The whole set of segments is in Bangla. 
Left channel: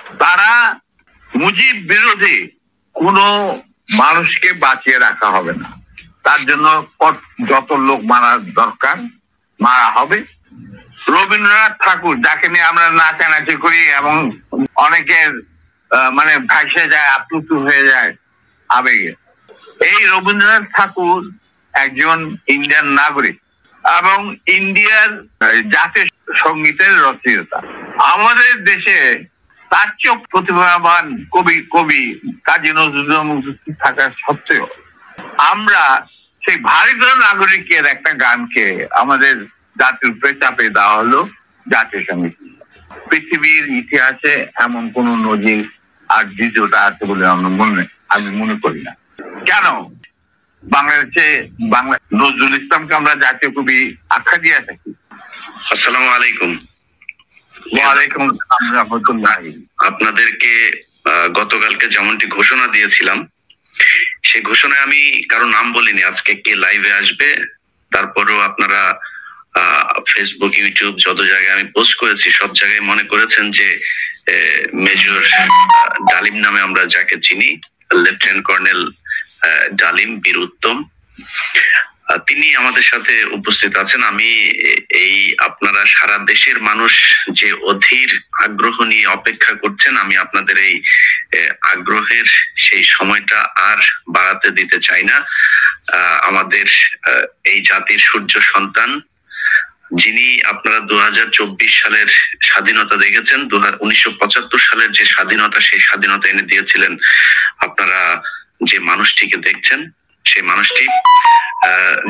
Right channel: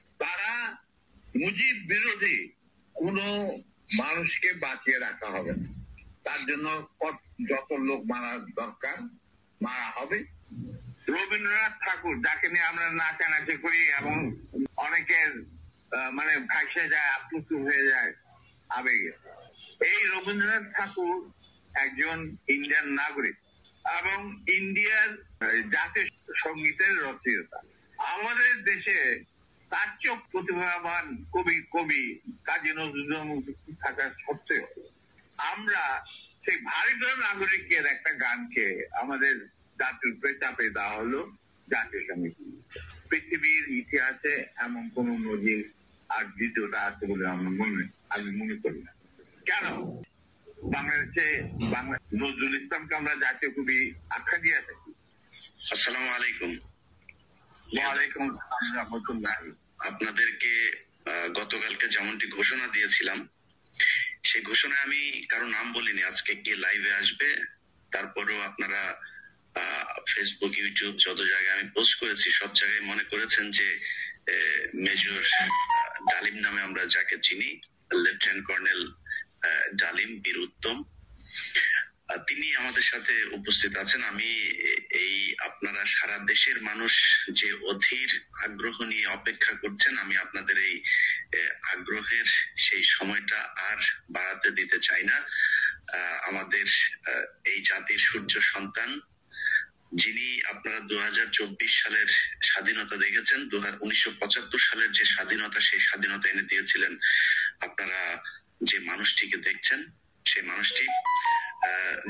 তারা মুজিব বিরোধী কোনো মানুষকে বাঁচিয়ে রাখা হবে না, তার জন্য যত লোক মারা দরকার মারা হবে। রবীন্দ্রনাথ ঠাকুর, যাকে নিয়ে আমরা নাচানাচি করি এবং অনেকের মানে ভাসে যায়, আপ্লুত হয়ে যায় আবেগে, এই রবীন্দ্রনাথ ঠাকুর একজন ইন্ডিয়ান নাগরিক এবং ইন্ডিয়ার জাতীয় সঙ্গীতের রচয়িতা। আমাদের দেশে তার চেয়ে প্রতিভাবান কবি কাজী নজরুল থাকা সত্ত্বেও আমরা সেই ভারতীয় নাগরিকের একটা গানকে আমাদের জাতির উপরে চাপে দেওয়া হলো জাতীয় সঙ্গীত। পৃথিবীর ইতিহাসে এমন কোন নজির আর দ্বিতীয়টা আছে বলে আমি মনে করি না। কেন বাংলাদেশে নজরুল ইসলামকে আমরা জাতীয় কবি আখ্যা দিয়ে থাকি? আসসালামু আলাইকুম। ওয়ালাইকুম আসসালাম রাহমাতুল্লাহ। আপনাদেরকে গতকালকে যেমনটি ঘোষণা দিয়েছিলাম, সেই ঘোষণায় আমি কারো নাম বলিনি আজকে কে লাইভে আসবে। তারপরেও আপনারা ফেসবুক, ইউটিউব যত জায়গায় আমি পোস্ট করেছি সব জায়গায় মনে করেছেন যে মেজর ডালিম নামে আমরা যাকে চিনি, লেফটেন্যান্ট কর্নেল ডালিম বীর উত্তম, তিনি আমাদের সাথে উপস্থিত আছেন। আমি এই আপনারা সারা দেশের মানুষ যে অধীর আগ্রহ নিয়ে অপেক্ষা করছেন, আমি আপনাদের এই আগ্রহের সেই সময়টা আর বাড়াতে দিতে চাই না। আমাদের এই জাতির সূর্য সন্তান, যিনি আপনারা 2024 সালের স্বাধীনতা দেখেছেন, 1975 সালের যে স্বাধীনতা, সেই স্বাধীনতা এনে দিয়েছিলেন আপনারা যে মানুষটিকে দেখছেন, সেই মানুষটি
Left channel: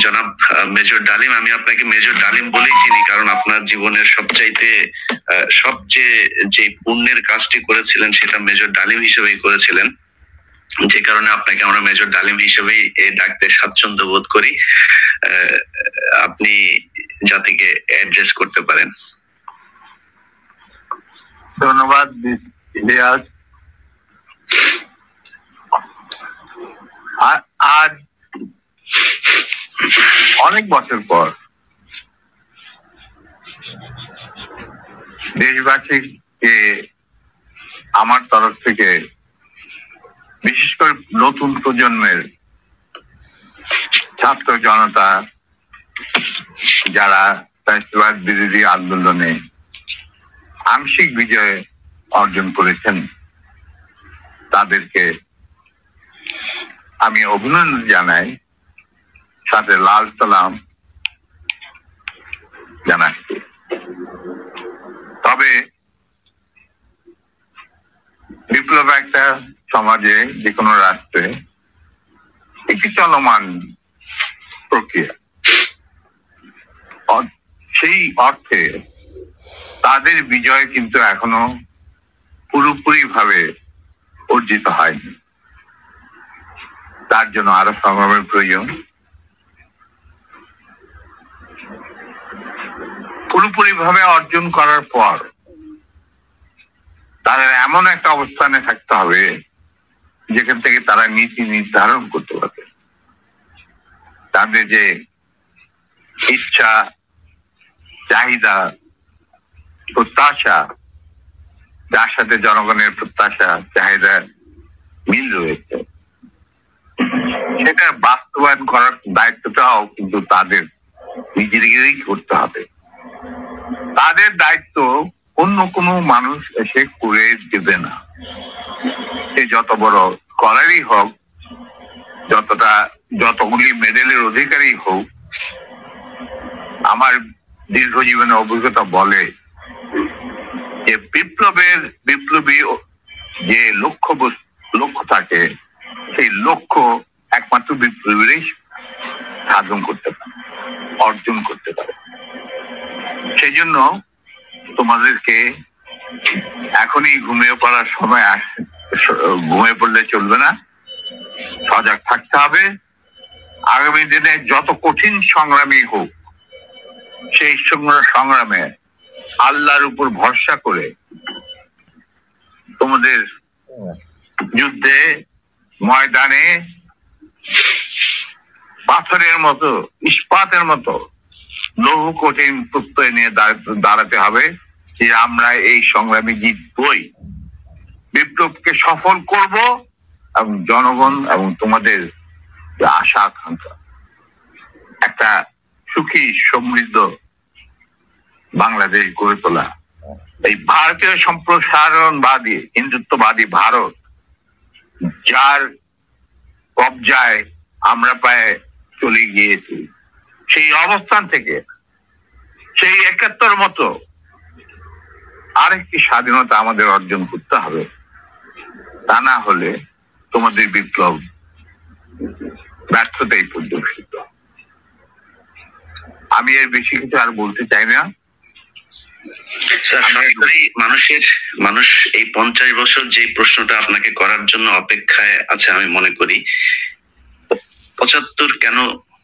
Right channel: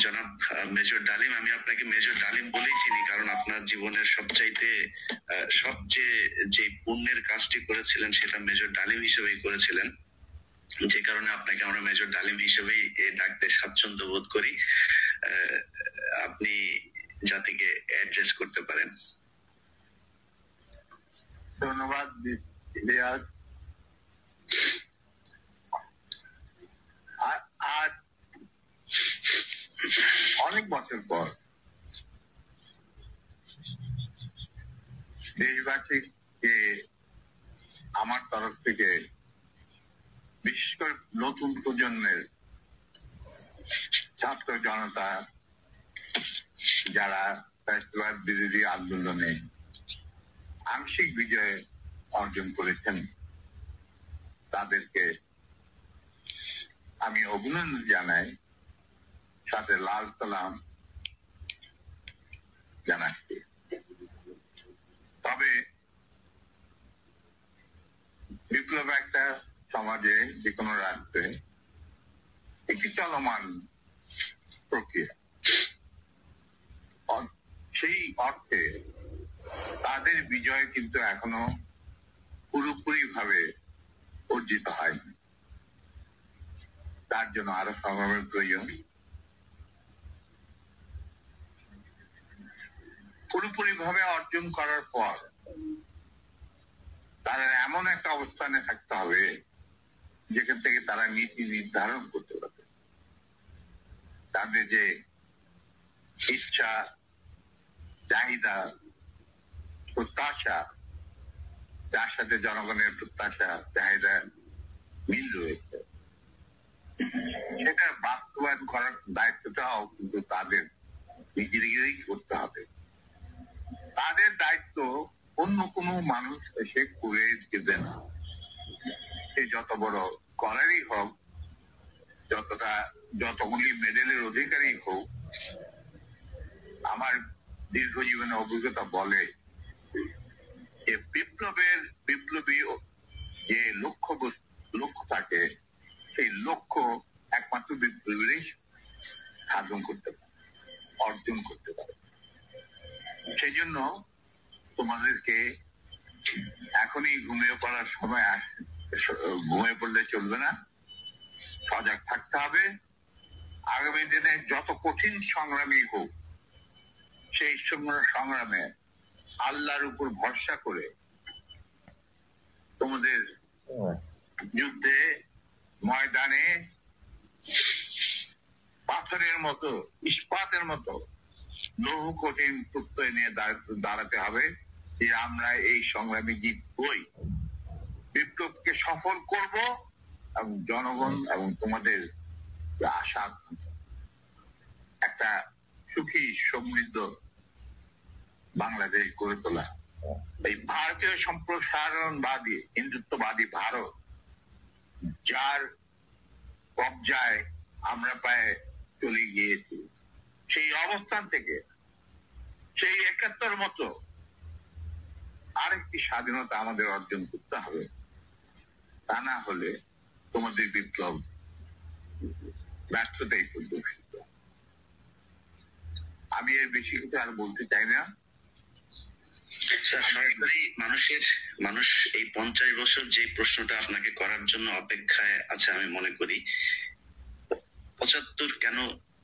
জনাব মেজর ডালিম। আমি আপনাকে মেজর ডালিম বলেই চিনি, কারণ আপনার জীবনের সবচেয়ে যে পুণ্যের কাজটি করেছিলেন সেটা মেজর ডালিম হিসেবেই করেছিলেন, যে কারণে আপনাকে আমরা মেজর ডালিম হিসেবেই ডাকতে স্বাচ্ছন্দ্য বোধ করি। আপনি জাতিকে অ্যাড্রেস করতে পারেন। ধন্যবাদ। আজ অনেক বছর পর দেশবাসীকে আমার তরফ থেকে, বিশেষ করে নতুন প্রজন্মের ছাত্র জনতা যারা ফ্যাসিবাদ বিরোধী আন্দোলনে আংশিক বিজয় অর্জন করেছেন, তাদেরকে আমি অভিনন্দন জানাই, সাথে লাল সালাম জানাচ্ছি। তবে বিপ্লব একটা সমাজে, যে কোনো রাষ্ট্রে একটি চলমান প্রক্রিয়া। সেই অর্থে তাদের বিজয় কিন্তু এখনো পুরোপুরি ভাবে অর্জিত হয়নি। তার জন্য আরো সংগ্রামের প্রয়োজন। পুরোপুরি ভাবে অর্জন করার পর তাদের এমন একটা অবস্থানে থাকতে হবে যেখান থেকে তারা নীতি নির্ধারণ করতে পারবে। তাদের যে ইচ্ছা, চাহিদা, প্রত্যাশা, যার সাথে জনগণের প্রত্যাশা চাহিদা মিল রয়েছে, সেটা বাস্তবায়ন করার দায়িত্বটাও কিন্তু তাদের নিজেদেরই করতে হবে। তাদের দায়িত্ব অন্য কোনো মানুষ এসে করে দেবে না। সে যত বড় স্কলারই হোক, যতগুলি মেডেলের অধিকারী হোক, আমার দীর্ঘ জীবনের অভিজ্ঞতা বলে যে বিপ্লবী যে লক্ষ্য থাকে, সেই লক্ষ্য একমাত্র বিপ্লবীরাই সাধন করতে পারে, অর্জন করতে পারে। সেই জন্য তোমাদেরকে এখনই ঘুমিয়ে পড়ার সময় আসছে, ঘুমিয়ে পড়লে চলবে না, সজাগ থাকতে হবে। আগামী দিনে যত কঠিন সংগ্রামই হোক, সেই সংগ্রামে আল্লাহর উপর ভরসা করে তোমাদের যুদ্ধে ময়দানে পাথরের মতো, ইস্পাতের মতো লৌহ কঠিন প্রত্যয় নিয়ে দাঁড়াতে হবে যে আমরা এই সংগ্রামে জিতবই। বিপ্লবকে সফল করব এবং জনগণ এবং তোমাদের যে আশা আকাঙ্ক্ষা একটা সুখী সমৃদ্ধ বাংলাদেশ গড়ে তোলা, এই ভারতীয় সম্প্রসারণবাদী হিন্দুত্ববাদী ভারত যার কবজায় আমরা প্রায় চলে গিয়েছি, সেই অবস্থান থেকে সেই ৭১ মতো আরেকটি স্বাধীনতা আমাদের অর্জন করতে হবে। তা না হলে তোমাদের বিপ্লব ব্যর্থতাই পর্যবেসিত। আমি এর বেশি কিছু আর বলতে চাই না। স্যার, সরাসরি মানুষ এই 50 বছর যে প্রশ্নটা আপনাকে করার জন্য অপেক্ষায় আছে আমি মনে করি, 75 কেন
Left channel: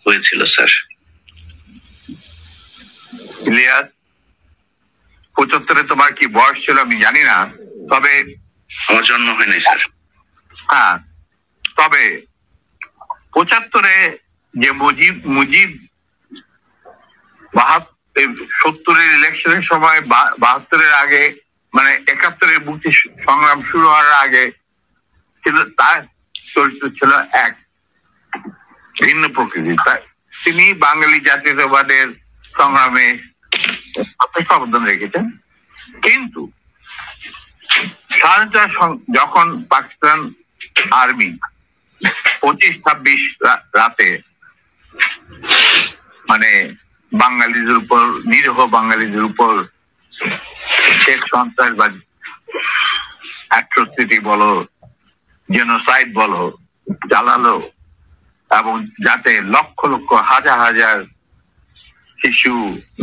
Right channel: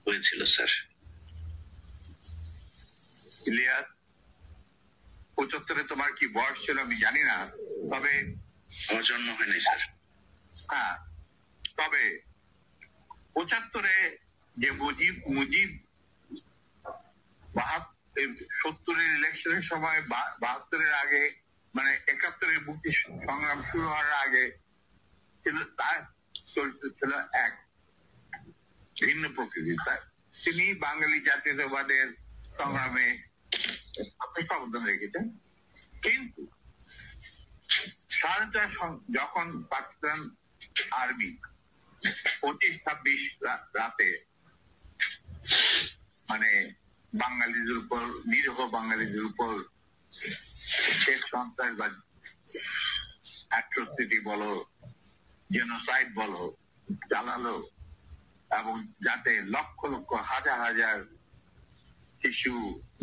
হয়েছিল স্যার? ইলিয়াস, 75-এ তোমার কি বয়স ছিল আমি জানি না, তবে আমার জন্ম হয় নাই স্যার। হ্যাঁ, তবে 75-এ যে মুজিব 70-এর ইলেকশনের সময় 72-এর আগে, মানে 71-এর মুক্তি সংগ্রাম শুরু হওয়ার আগে ছিল, তার চরিত্র ছিল এক ভিন্ন প্রকৃতি। তিনি বাঙালি জাতীয়তাবাদের সংগ্রামে যথেষ্ট অবদান রেখেছেন। কিন্তু স্বাধীনতা যখন পাকিস্তান আর্মি 25-26 রাতে মানে বাঙালিদের উপর, নিরীহ বাঙালিদের উপর শেখ সন্ত্রাসবাদ, অ্যাট্রোসিটি বলো, জেনোসাইড বলো চালালো, এবং যাতে লক্ষ লক্ষ হাজার হাজার শিশু,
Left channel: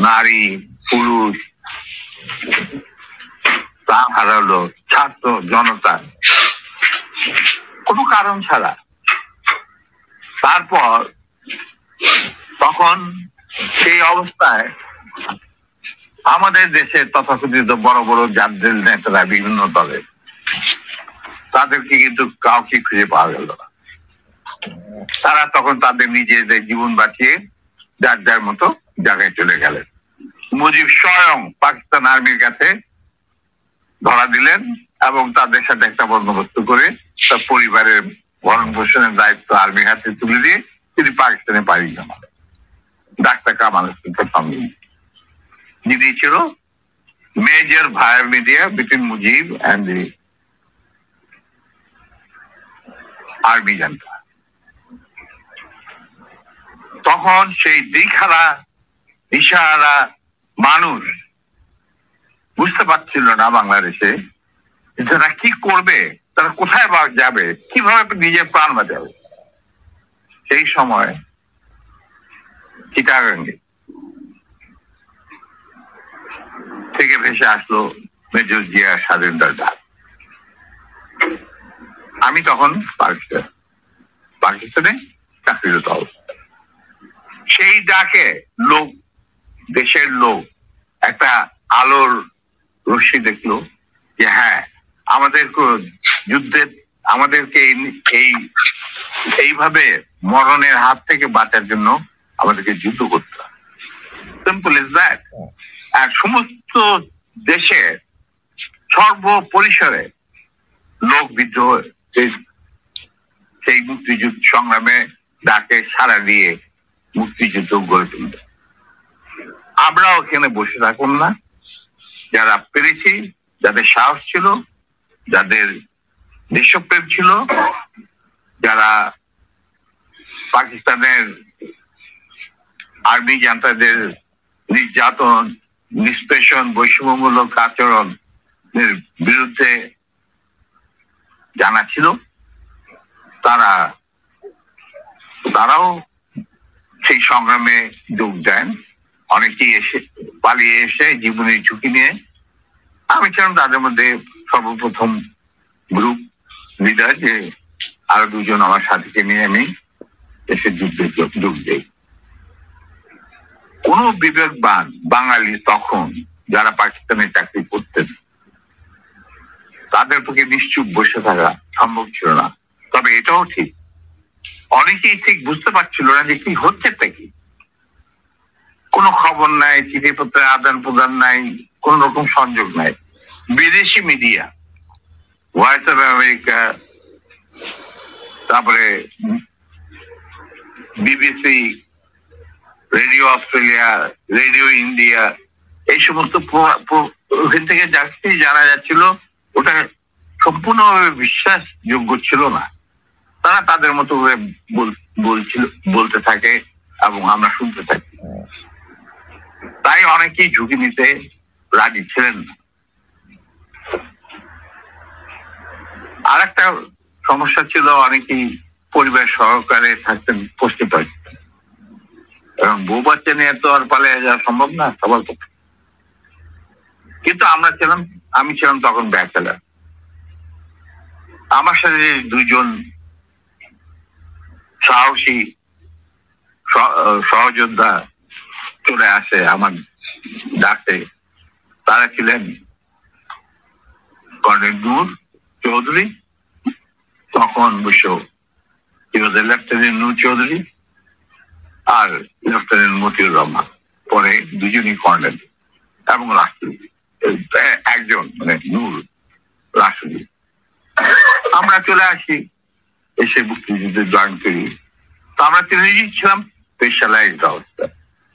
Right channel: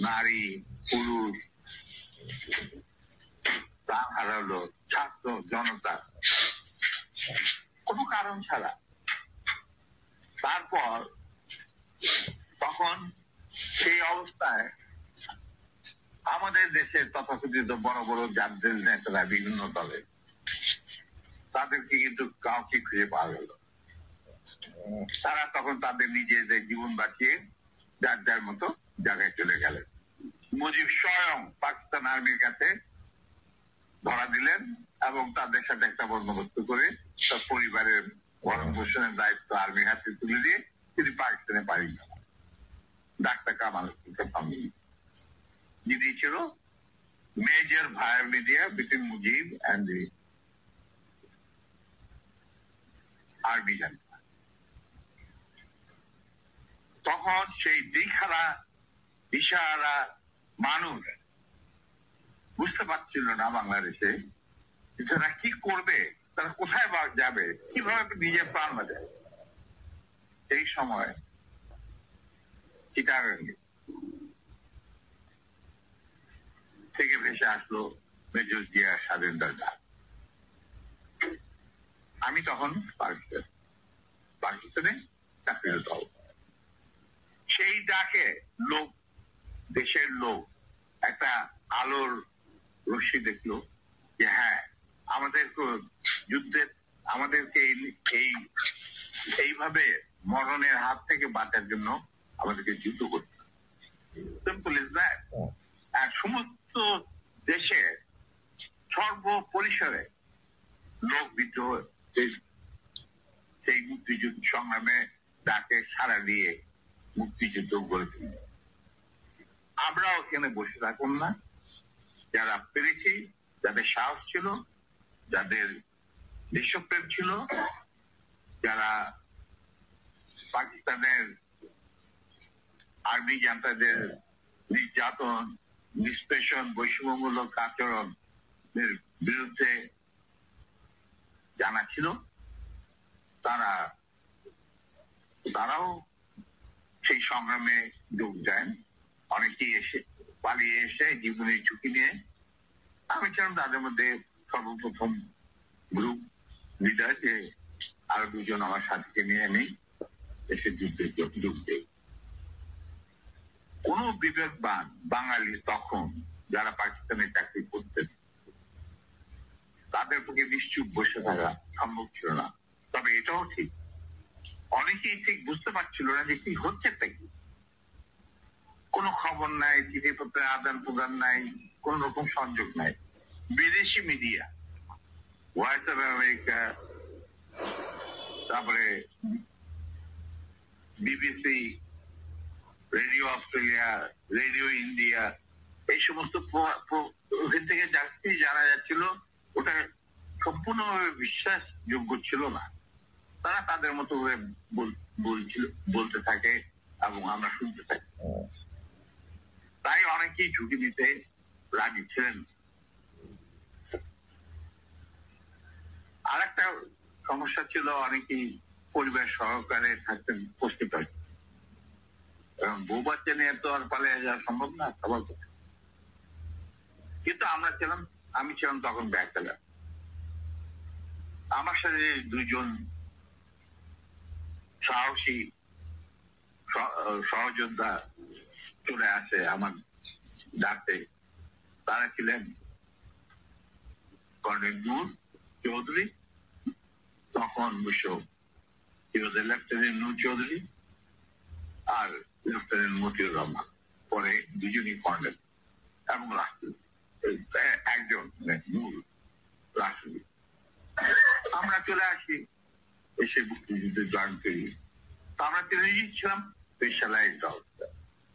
নারী, পুরুষ প্রাণ হারালো, ছাত্র জনতা কোনো কারণ ছাড়া। তারপর তখন সেই অবস্থায় আমাদের দেশে তথাকথিত বড় বড় জাতীয় নেতারা বিভিন্ন দলের, তাদেরকে কিন্তু কাউকে খুঁজে পাওয়া গেল না। তারা তখন তাদের নিজেদের জীবন বাঁচিয়ে যার যার মতো জায়গায় চলে গেলেন। মুজিব স্বয়ং পাকিস্তান আর্মির কাছে ধরা দিলেন এবং তাদের সাথে একটা বন্দোবস্ত করে তার পরিবারের ভরণ পোষণের দায়িত্ব আর্মির হাতে তুলে দিয়ে তিনি পাকিস্তানে পাড়ি জমান। ডাক্তার কামাল হোসেনের সঙ্গে যিনি ছিল major via media between Mujib and the army junta. তখন সেই দিশহারা দিশাহারা মানুষ বুঝতে পারছিল না বাংলাদেশে যারা কি করবে, তারা কোথায় যাবে, কিভাবে নিজের প্রাণ বাঁচাবে। সেই সময় চিটাগাঙ্গে থেকে ভেসে আসলো মেজর জিয়া স্বাধীনতার ডাক। আমি তখন পাকিস্তানে চাকরিরত অবস্থা। সেই ডাকে লোক, দেশের লোক একটা আলোর রশ্মি দেখলো যে হ্যাঁ, আমাদের যুদ্ধে আমাদেরকে এইভাবে মরণের হাত থেকে বাঁচার জন্য আমাদেরকে যুদ্ধ করতে হবে। Simple is that. আর সমস্ত দেশে সর্বপরিসরে লোক বিদ্রোহ সেই মুক্তিযুদ্ধ সংগ্রামে ডাকে সাড়া দিয়ে মুক্তিযুদ্ধ গড়ে তুলবে। আমরাও এখানে বসে থাকুন না, যারা পেরেছি, যাদের সাহস ছিল, যাদের দেশপ্রেম ছিল, যারা পাকিস্তানের আর্মি জান্তাদের নির্যাতন, নিষ্পেষণ, বৈষম্যমূলক আচরণের বিরুদ্ধে জানা ছিল, তারাও সেই সংগ্রামে যোগ দেন। অনেকেই পালিয়ে এসে জীবনের ঝুঁকি নিয়ে। আমি ছিলাম তাদের মধ্যে সর্বপ্রথম গ্রুপ লিডার, যে আরো দুজন আমার সাথীকে নিয়ে আমি এসে যুদ্ধে যোগ দেই। কোন বিবেকবান বাঙালি তখন যারা পাকিস্তানে চাকরি করতেন তাদের পক্ষে নিশ্চুপ বসে থাকা সম্ভব ছিল না। তবে এটাও ঠিক, অনেকেই ঠিক বুঝতে পারছিল না যে কি হচ্ছে কি। কোনো খবর নাই, চিঠিপত্রের আদান প্রদান নাই, কোন রকম সংযোগ নাই। বিদেশি মিডিয়া ভয়েস অফ আমেরিকা, তারপরে BBC, radio Australia, radio India, এই সমস্ত ওখান থেকে যাচ্ছি জানা যাচ্ছিল ওটা সম্পূর্ণভাবে বিশ্বাসযোগ্য ছিল না। তারা তাদের মতো করে বলতে থাকে এবং আমরা শুনতে থাকি। তাই অনেকেই ঝুঁকি নিতে রাজি ছিলেন না। আর একটা সমস্যা ছিল, অনেকেই পরিবার সহকারে থাকতেন পুষ্টিপাঠিত, এবং বউ বাচ্চা নিয়ে তো আর পালিয়ে যাওয়া সম্ভব না সবার পক্ষে। কিন্তু আমি ছিলাম তখন ব্যাচেলার। আমার সাথে দুইজন সাহসী সহযোদ্ধা চলে আসে আমার ডাকে। তারা ছিলেন কর্নেল নূর চৌধুরী, তখন লেফটেন্যান্ট নূর চৌধুরী, আর লেফটেন্যান্ট মতিউর রহমান, পরে দুজনই কর্নেল এবং রাষ্ট্রপতি, একজন মানে নূর রাষ্ট্রপতি। আমরা চলে আসি, এসে মুক্তিযুদ্ধে জয়েন করি। তো আমরা তিনজনই ছিলাম স্পেশালাইজড অবস্থা।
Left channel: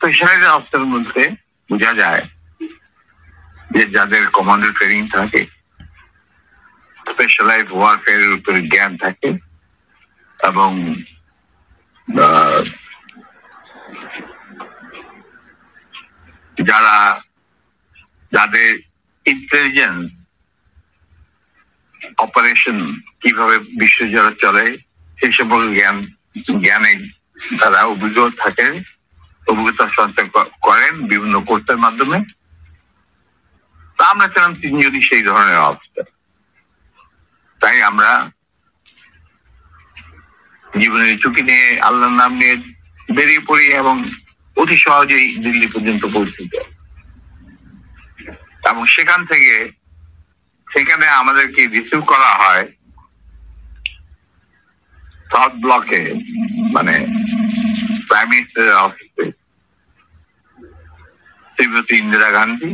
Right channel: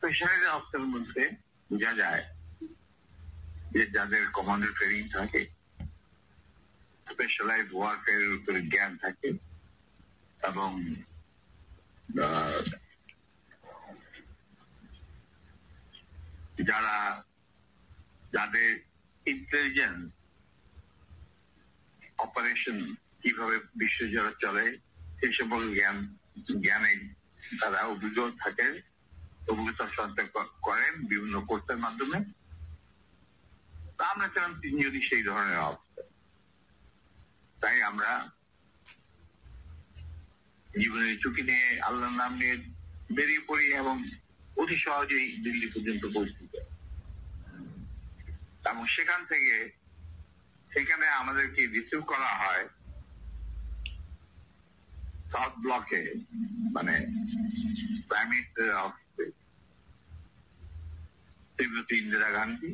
স্পেশালাইজড অবস্থার মধ্যে বোঝা যায় যে যাদের কমান্ডো ট্রেনিং থাকে, স্পেশালাইজড ওয়ারফেয়ারের উপরে জ্ঞান থাকে, এবং যাদের ইন্টেলিজেন্স অপারেশন কিভাবে বিশ্বজুড়ে চলে সেই সম্পর্কে জ্ঞানে তারা অভিজ্ঞতা সঞ্চয় করেন বিভিন্ন কোর্সের মাধ্যমে। তা আমরা ছিলাম তিনজনই সেই ধরনের অবস্থা। তাই আমরা জীবনের ঝুঁকি নিয়ে আল্লাহর নাম নিয়ে বেরিয়ে পড়ি এবং অতি সহজেই দিল্লি পর্যন্ত পৌঁছে যায়। এবং সেখানে আমাদেরকে রিসিভ করা হয় সাউথ ব্লকে, মানে প্রাইম মিনিস্টারের অফিসে। শ্রীমতী ইন্দিরা গান্ধী,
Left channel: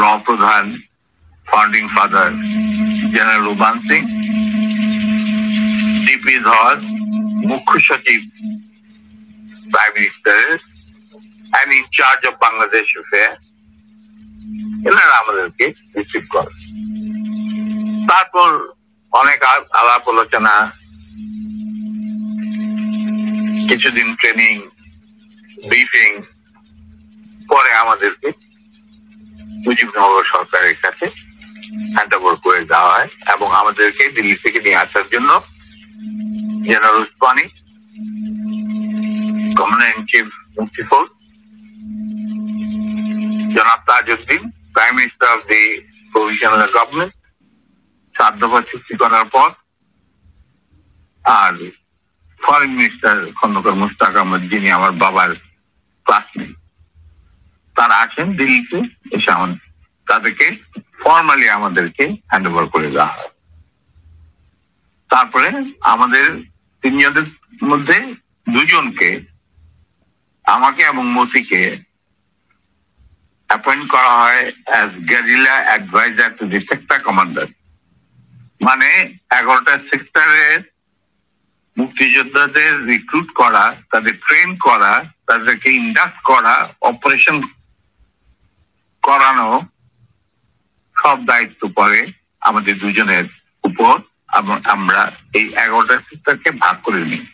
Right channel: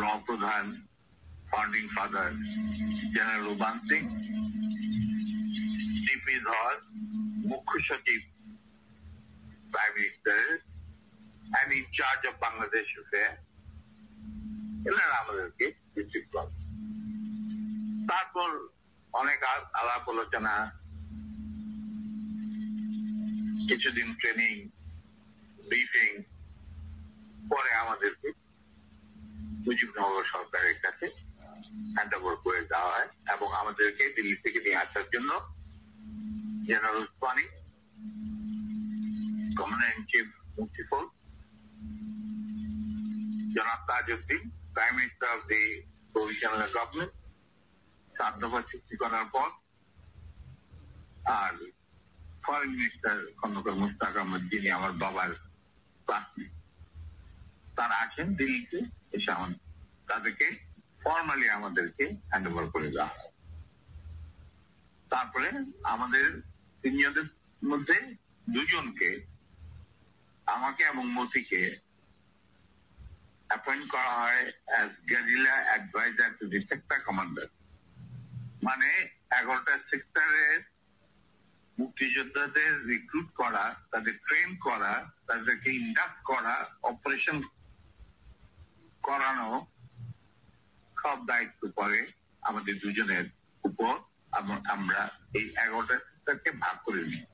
র প্রধান founding father general Ruban Singh, DP ধর মুখ্য সচিব প্রাইম মিনিস্টারের and in charge of Bangladesh affairs, এনারা আমাদেরকে রিসিভ করে। তারপর অনেক আলাপ আলোচনা, কিছুদিন ট্রেনিং, ব্রিফিং, পরে আমাদেরকে মুজিবনগর সরকারের কাছে হ্যান্ড ওভার করে দেওয়া হয় এবং আমাদেরকে দিল্লি থেকে নিয়ে আসার জন্য general Osmani, commander in chief Mukti Fauj, জনাব Tajuddin, prime minister of the provisional government, 7 দফা চুক্তি করার পর, আর ফরেন মিনিস্টার খন্দকার মুশতাক আহমদ, যিনি আমার বাবার ক্লাসমেট, তারা আসেন দিল্লিতে। এসে তাদেরকে ফর্মালি আমাদেরকে হ্যান্ড ওভার করে দেওয়া হয়। তারপরে আমাদের তিনজনের মধ্যে দুজনকে, আমাকে এবং মতিকে, অ্যাপয়েন্ট করা হয় as guerrilla adviser to the sector commander. মানে 11টা সেক্টরের মুক্তিযোদ্ধাদের রিক্রুট করা, তাদের ট্রেন করা, তাদেরকে ইন্ডাক্ট করা, অপারেশন করানো, সব দায়িত্ব পড়ে আমাদের দুজনের উপর। আমরা এই 11টা সেক্টরকে ভাগ করে নিই।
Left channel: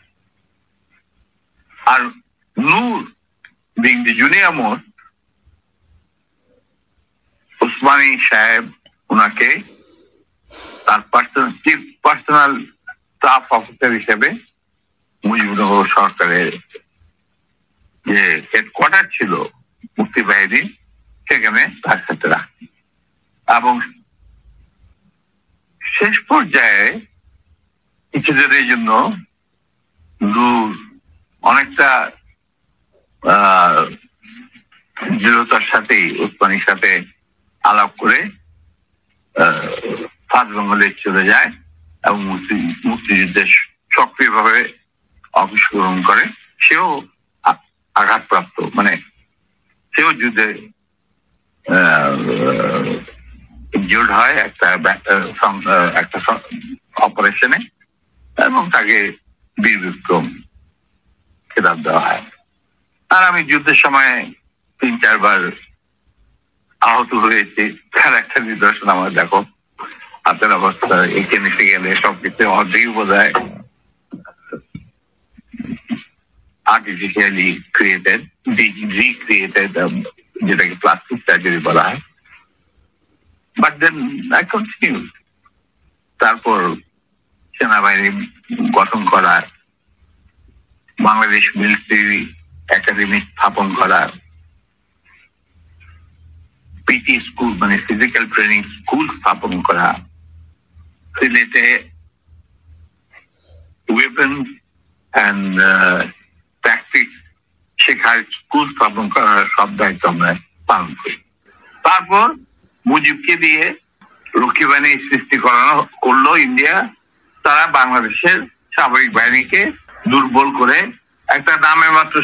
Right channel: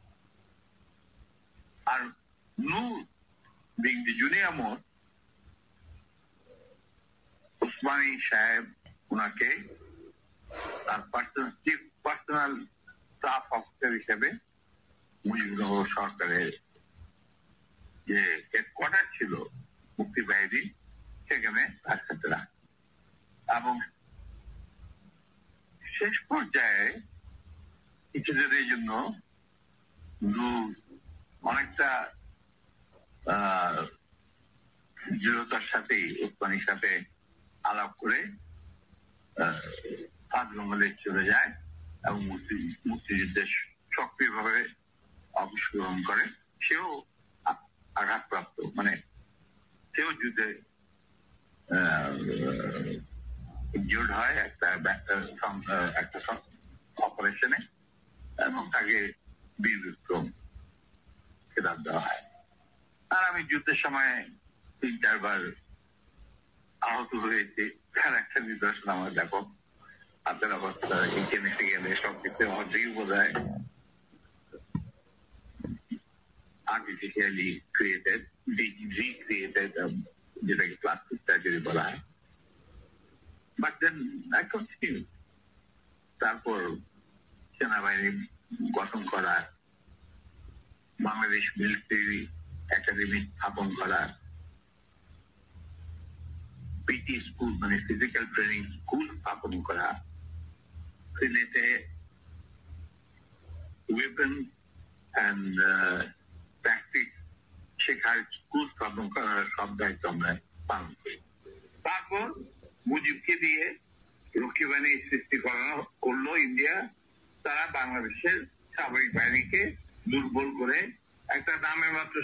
আর Noor being the junior most, Osmani সাহেব ওনাকে তার পার্সোনাল স্টাফ অফিসার হিসেবে মুজিবনগর সরকারের যে হেডকোয়ার্টার ছিল মুক্তি বাহিনী, সেখানে তার সাথে রাখি। এবং শেষ পর্যায়ে কিছুদিনের জন্য নূর অনেকটা দৃঢ়তার সাথেই উসমানীর সাথে আলাপ করে ফার্স্ট বেঙ্গলে চলে যায় এবং মুক্তিযুদ্ধে সক্রিয়ভাবে অংশগ্রহণ করে। সেও আঘাতপ্রাপ্ত, মানে সেও যুদ্ধে ইনজিউর্ড হয় একটা অপারেশনে, এবং তাকে বীর বিক্রম খেতাব দেওয়া হয়। আর আমি যুদ্ধের সময় 3-4 বার আহত হয়েছি, তার একটা নিদর্শন আমার দেখো, হাতের অবস্থা এখানে সেখানে সবকিছু অর্ধেক বোঝায় আর্টিফিশিয়ালি ক্রিয়েটেড, রিক্রিয়েটেড, যেটাকে প্লাস্টিক সার্জারি বলা হয়। But then I continue. তারপর সেনাবাহিনী গঠন করা, বাংলাদেশ মিলিটারি একাডেমি স্থাপন করা, পিটি স্কুল মানে ফিজিক্যাল ট্রেনিং স্কুল স্থাপন করা, সিলেটে ওয়েপন অ্যান্ড ট্যাকটিক্স শেখার স্কুল স্থাপন করার সব দায়িত্ব আমরা পালন করি। তারপর মুজিবকে দিয়ে রক্ষী বাহিনী সৃষ্টি করলো ইন্ডিয়া। তারা বাংলাদেশের সামরিক বাহিনীকে দুর্বল করে একটা নামে মাত্র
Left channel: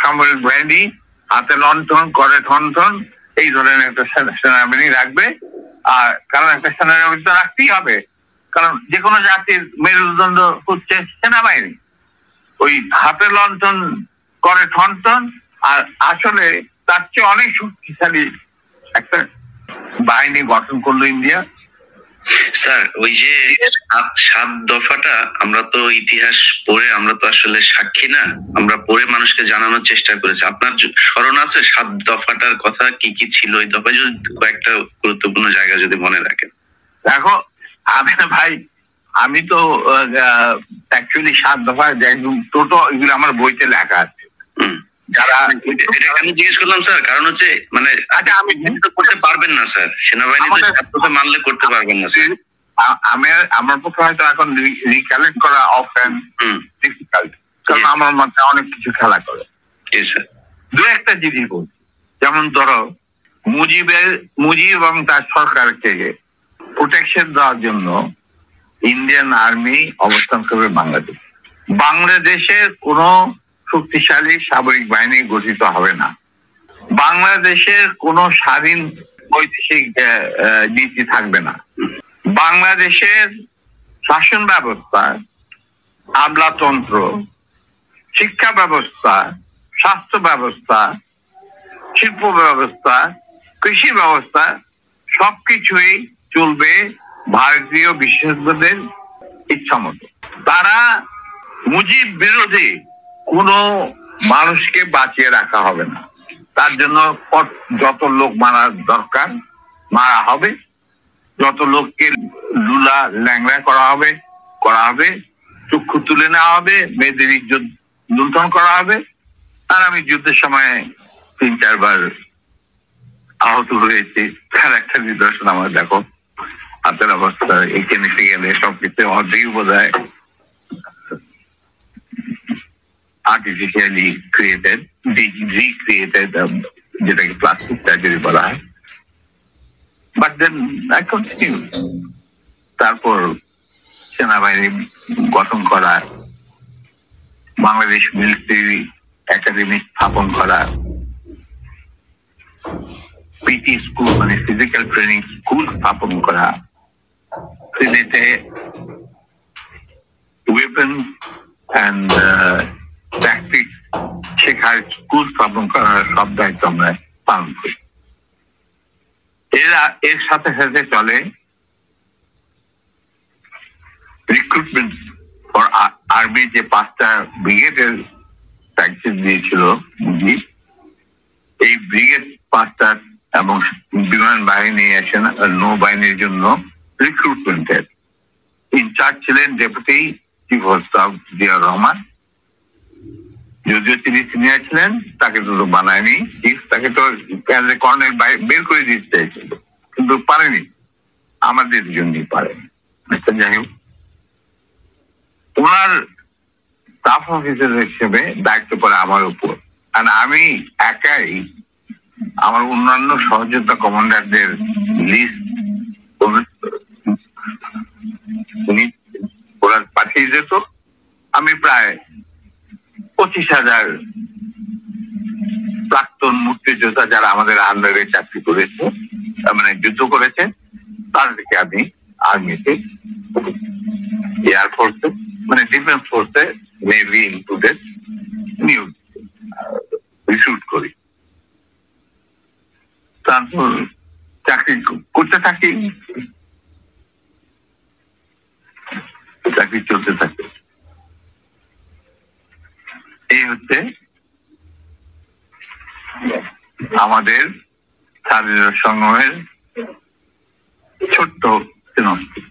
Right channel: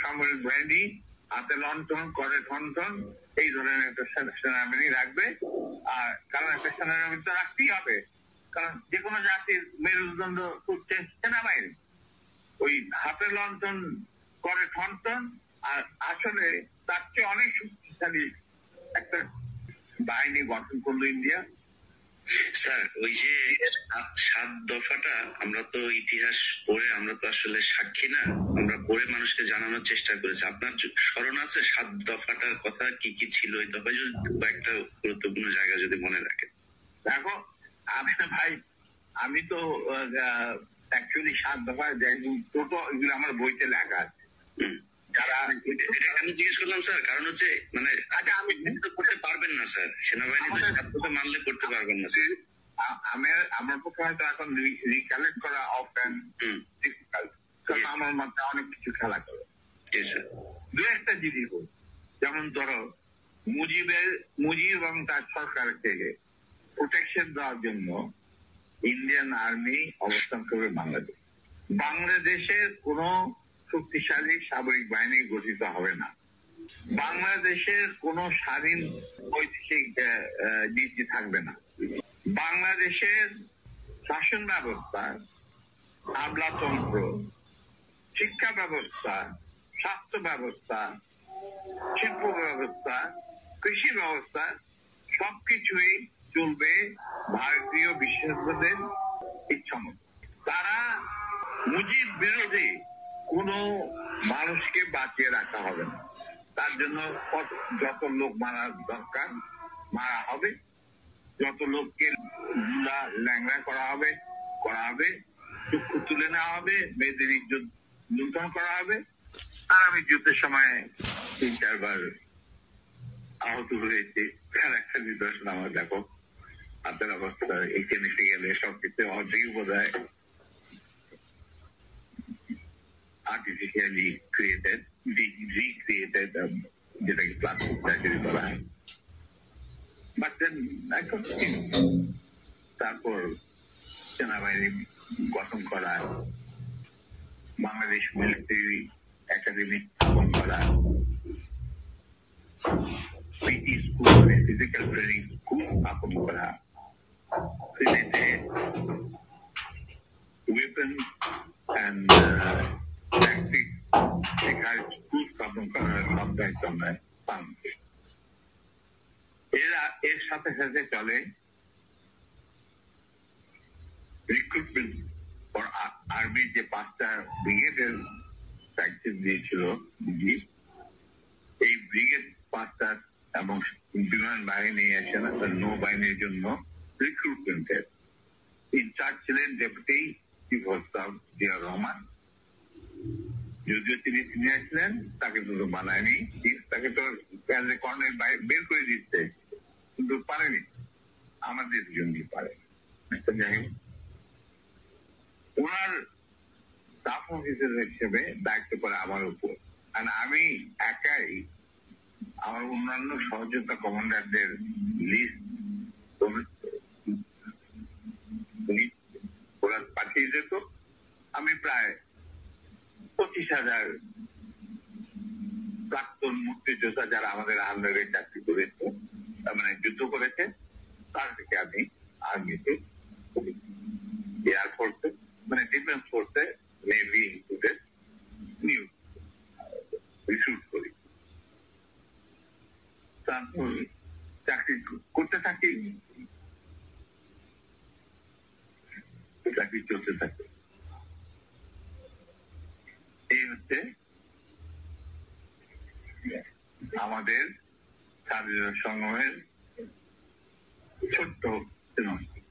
সামরিক বাহিনী, হাতে লণ্ঠন করে ঠনঠন, এই ধরনের একটা সেনাবাহিনী রাখবে। আর কারণ একটা সেনাবাহিনী তো রাখতেই হবে, কারণ যে কোনো জাতির মেরুদণ্ড হচ্ছে সেনাবাহিনী। ওই হাতে লণ্ঠন করে ঠনঠন, আর আসলে তার চেয়ে অনেক শক্তিশালী একটা বাহিনী গঠন করলো ইন্ডিয়া। স্যার, ওই যে 7 দফাটা আমরা তো ইতিহাস পড়ে, আমরা তো আসলে সাক্ষী না, আমরা পড়ে মানুষকে জানানোর চেষ্টা করেছি। আপনার স্মরণ আছে 7 দফাটার কথা, কি কি ছিল ওই দফায়? যদি কয়েকটা গুরুত্বপূর্ণ জায়গা যদি মনে রাখেন। দেখো ভাই, আমি তো অ্যাকচুয়ালি 7 দফা টোটো এগুলো আমার বইতে লেখা আছে। যারা আমি জিজ্ঞেস করলাম স্যার, কারণ হচ্ছে মানে আচ্ছা, আমি তো করতে পারবেন না স্যার, সেনাবাহিনী মানলে করতে পারবেন না স্যার। আমার পক্ষে হয়তো এখন রিকালেক্ট করা অফেন ডিফিকাল্ট, কারণ আমার মাথায় অনেক কিছু খেলা করে। দু একটা জিনিস বলছি, যেমন ধরো মুজিব এবং তার সরকারকে প্রোটেকশন দেওয়ার জন্য ইন্ডিয়ান আর্মি অবস্থান করবে বাংলাদেশ। বাংলাদেশের কোন শক্তিশালী সামরিক বাহিনী গঠিত হবে না। বাংলাদেশের কোন স্বাধীন বৈদেশিক নীতি থাকবে না। বাংলাদেশের শাসন ব্যবস্থা, আমলাতন্ত্র, শিক্ষা ব্যবস্থা, স্বাস্থ্য ব্যবস্থা, শিল্প ব্যবস্থা, কৃষি ব্যবস্থা সবকিছুই চলবে ভারতীয় বিশেষজ্ঞদের ইচ্ছা মতো। তারা মুজিব বিরোধী কোন মানুষকে বাঁচিয়ে রাখা হবে না। তার জন্য যত লোক মারা দরকার মারা হবে, যত লোককে লুলা ল্যাংড়া করা হবে, চক্ষু তুলে নেওয়া হবে, মেয়েদের ইজ্জত লুণ্ঠন করা হবে। আর আমি যুদ্ধের সময় 3-4 বার আহত হয়েছি, তার একটা নিদর্শন আমার দেখো, হাতের অবস্থা এখানে সেখানে সবকিছু অর্ধেক বোঝায় আর্টিফিশিয়ালি ক্রিয়েটেড, রিক্রিয়েটেড, যেটাকে প্লাস্টিক সার্জারি বলা হয়। But then I continue. তারপর সেনাবাহিনী গঠন করা, বাংলাদেশ মিলিটারি একাডেমি স্থাপন করা, পিটি স্কুল মানে ফিজিক্যাল ট্রেনিং স্কুল স্থাপন করা, সিলেটে ওয়েপন অ্যান্ড ট্যাকটিক্স শেখার স্কুল স্থাপন করার সব দায়িত্ব আমরা পালন করি। এর সাথে সাথে চলে রিক্রুটমেন্ট ফর আর্মি, যে 5টা ব্রিগেডের প্র্যাকটিস দিয়েছিল মুজিব। এই ব্রিগেড 5টা এবং বিমান বাহিনী, নৌবাহিনীর জন্য রিক্রুটমেন্টের ইনচার্জ ছিলেন deputy chief of staff Ziaur Rahman. যদিও তিনি সিনিয়র ছিলেন, তাকে তো বানায়নি চিফ, তাকে তো কর্নেল বের করে দিতে চাইছিল, কিন্তু পারেনি, আমাদের জন্যই পারেনি। যাই হোক, ওনার স্টাফ অফিসার হিসেবে দায়িত্ব পড়ে আমার উপর। আর আমি একাই আমার অন্যান্য সহযোদ্ধা কমান্ডারদের লিস্ট ওরা পাঠিয়ে যেত। আমি প্রায় 25,000 প্রাক্তন মুক্তিযোদ্ধা যারা আমাদের আন্ডারে চাকরি করেছে, মানে যুদ্ধ করেছে, তাদেরকে আমি আর্মিতে, এয়ারফোর্সে, মানে ডিফেন্স ফোর্সে, নেভি ইনক্লুডেড নিয়োগ রিক্রুট করি। তারপর চাকরি করতে থাকি, চাকরি চলতে থাকে। এই হচ্ছে আমাদের স্বাধীনতা সংগ্রামের ছোট্ট সিনপসিস।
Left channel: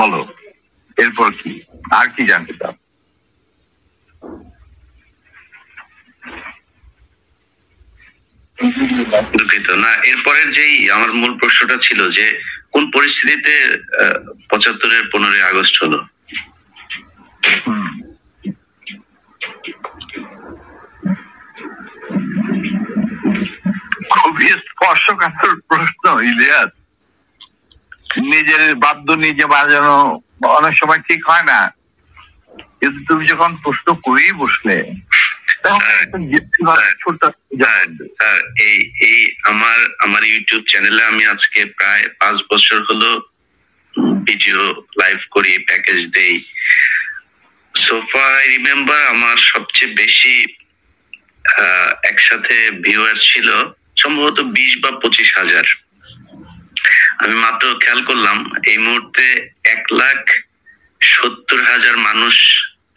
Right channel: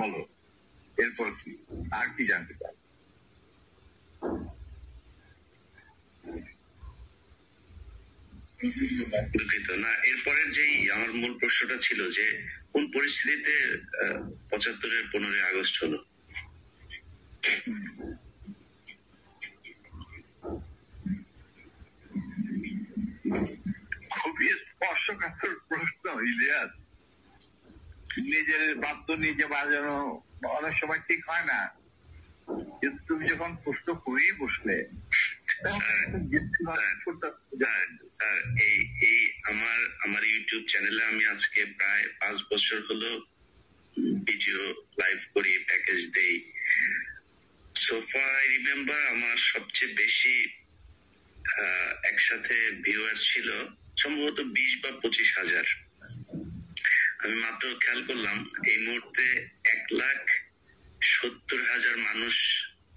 বলো এরপর কি, আর কি জানতে চাও? দুঃখিত না, এরপরের যেই আমার মূল প্রশ্নটা ছিল যে কোন পরিস্থিতিতে ৭৫-এর 15ই আগস্ট হলো? খুবই স্পর্শকাতর প্রশ্ন ইলিয়াস। নিজের বাদ্য নিজে বাজানো অনেক সময় ঠিক হয় না, কিন্তু তুমি যখন প্রশ্ন করেই বসলে স্যার, এই আমার ইউটিউব চ্যানেলে আমি আজকে প্রায় 5 বছর হলো ভিডিও লাইভ করি, প্যাকেজ দেই। সোফা আই রিমেম্বার আমার সবচেয়ে বেশি একসাথে ভিউয়ার্স ছিল সম্ভবত 20 বা 25,000। আমি মাত্র খেয়াল করলাম এই মুহূর্তে 1,70,000 মানুষ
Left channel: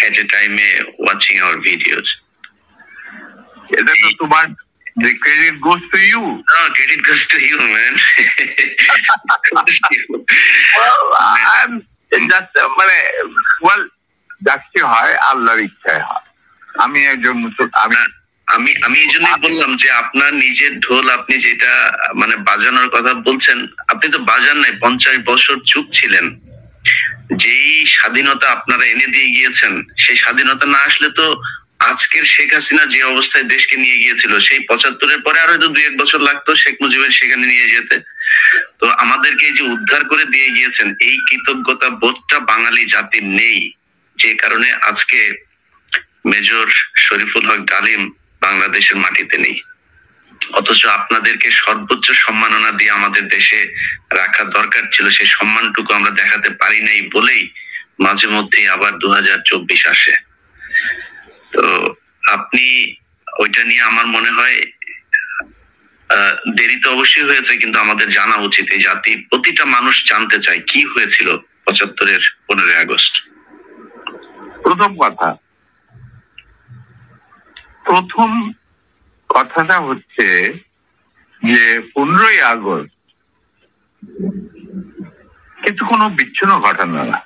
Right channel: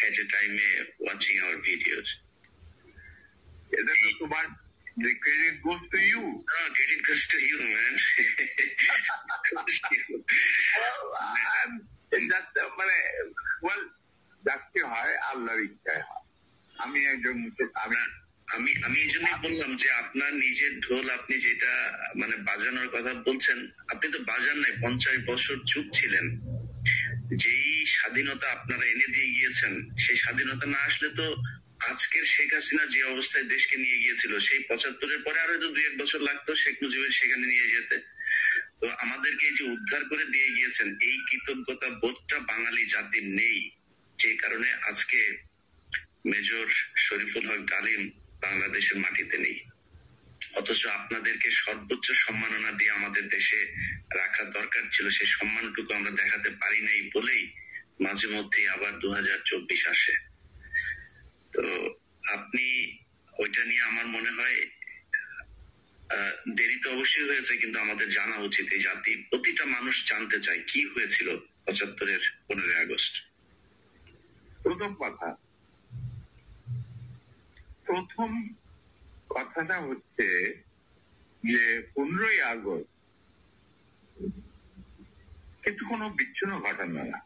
এট এ টাইমে ওয়াচিং আওয়ার ভিডিওস। এটা তো তোমার, the credit goes to you. No, credit goes to you, man. Well, I'm just যাচ্ছে হয় আল্লাহর ইচ্ছায় হয়। আমি একজন আমি এই জন্যই বললাম যে আপনার নিজের ঢোল, আপনি যেটা মানে বাজানোর কথা বলছেন, আপনি তো বাজান নাই, 50 বছর চুপ ছিলেন। যেই স্বাধীনতা আপনারা এনে দিয়ে গিয়েছেন, সেই স্বাধীনতা না আসলে তো আজকের শেখ হাসিনা যে অবস্থায় দেশকে নিয়ে গিয়েছিল, সেই 75-এর পরে আরো হয়তো 2-1 বছর লাগতো শেখ মুজিবের সেখানে নিয়ে যেতে। তো আমাদেরকে যে উদ্ধার করে দিয়ে গিয়েছেন, এই কৃতজ্ঞতা বোধটা বাঙালি জাতির নেই, যে কারণে আজকে মেজর শরীফুল হক ডালিম বাংলাদেশের মাটিতে নেই। অথচ আপনাদেরকে সর্বোচ্চ সম্মাননা দিয়ে আমাদের দেশে রাখা দরকার ছিল, সেই সম্মানটুকু আমরা দেখাতে পারি নাই বলেই মাঝে মধ্যেই আবার 2024 আসে। তো আপনি ওইটা নিয়ে আমার মনে হয় দেরি তো অবশ্যই হয়েছে, কিন্তু আমাদের জানা উচিত। এই জাতি, প্রতিটা মানুষ জানতে চায় কি হয়েছিল 75-এর 15ই আগস্ট। প্রথম কথাটা হচ্ছে যে 15ই আগস্ট কিন্তু কোনো বিচ্ছিন্ন ঘটনা না।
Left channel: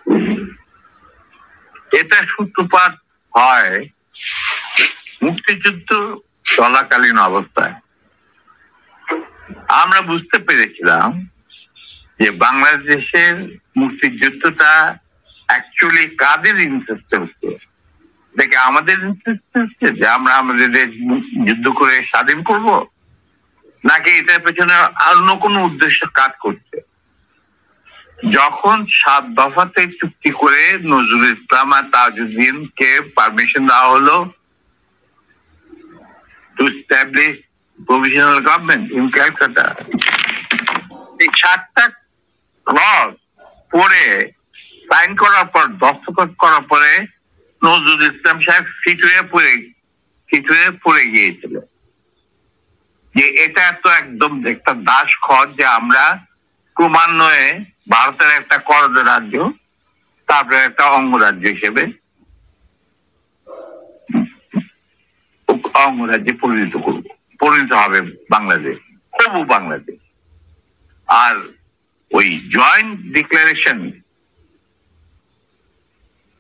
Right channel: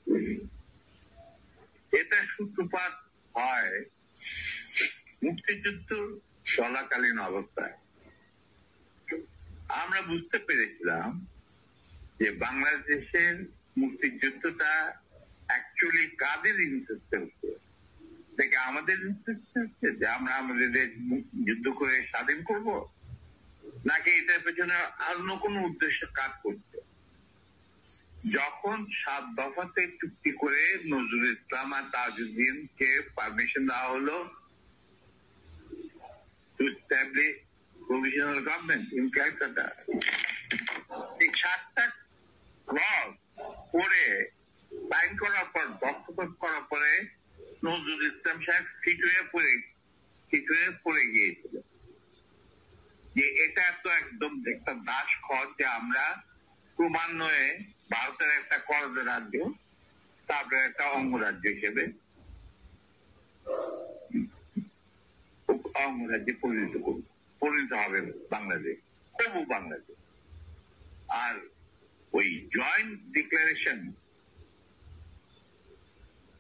এটা সূত্রপাত হয় মুক্তিযুদ্ধ চলাকালীন অবস্থায়। আমরা বুঝতে পেরেছিলাম যে বাংলাদেশের মুক্তিযুদ্ধটা অ্যাকচুয়ালি কাদের ইন্টারেস্টে হচ্ছে, দেখে আমাদের ইন্টারেস্টে হচ্ছে যে আমরা আমাদের যুদ্ধ করে স্বাধীন করব, নাকি এটার পেছনে অন্য কোনো উদ্দেশ্য কাজ করছে। যখন 7 দফাতে চুক্তি করে নজরুল ইসলাম আর তাজউদ্দিনকে পারমিশন দেওয়া হলো to establish provisional government in Calcutta, এই 7টা ক্লজ পড়ে সাইন করার পর, দস্তখত করার পরে নজরুল ইসলাম সাহেব ফিট হয়ে পড়ে গিয়েছিল যে এটা তো একদম একটা দাস খত, যে আমরা ক্রমান্বয়ে ভারতের একটা করদ রাজ্য, তারপরে একটা অঙ্গরাজ্য হিসেবে অঙ্গরাজ্যে পরিণত হবে বাংলাদেশ, তবু বাংলাদেশ। আর ওই joint declaration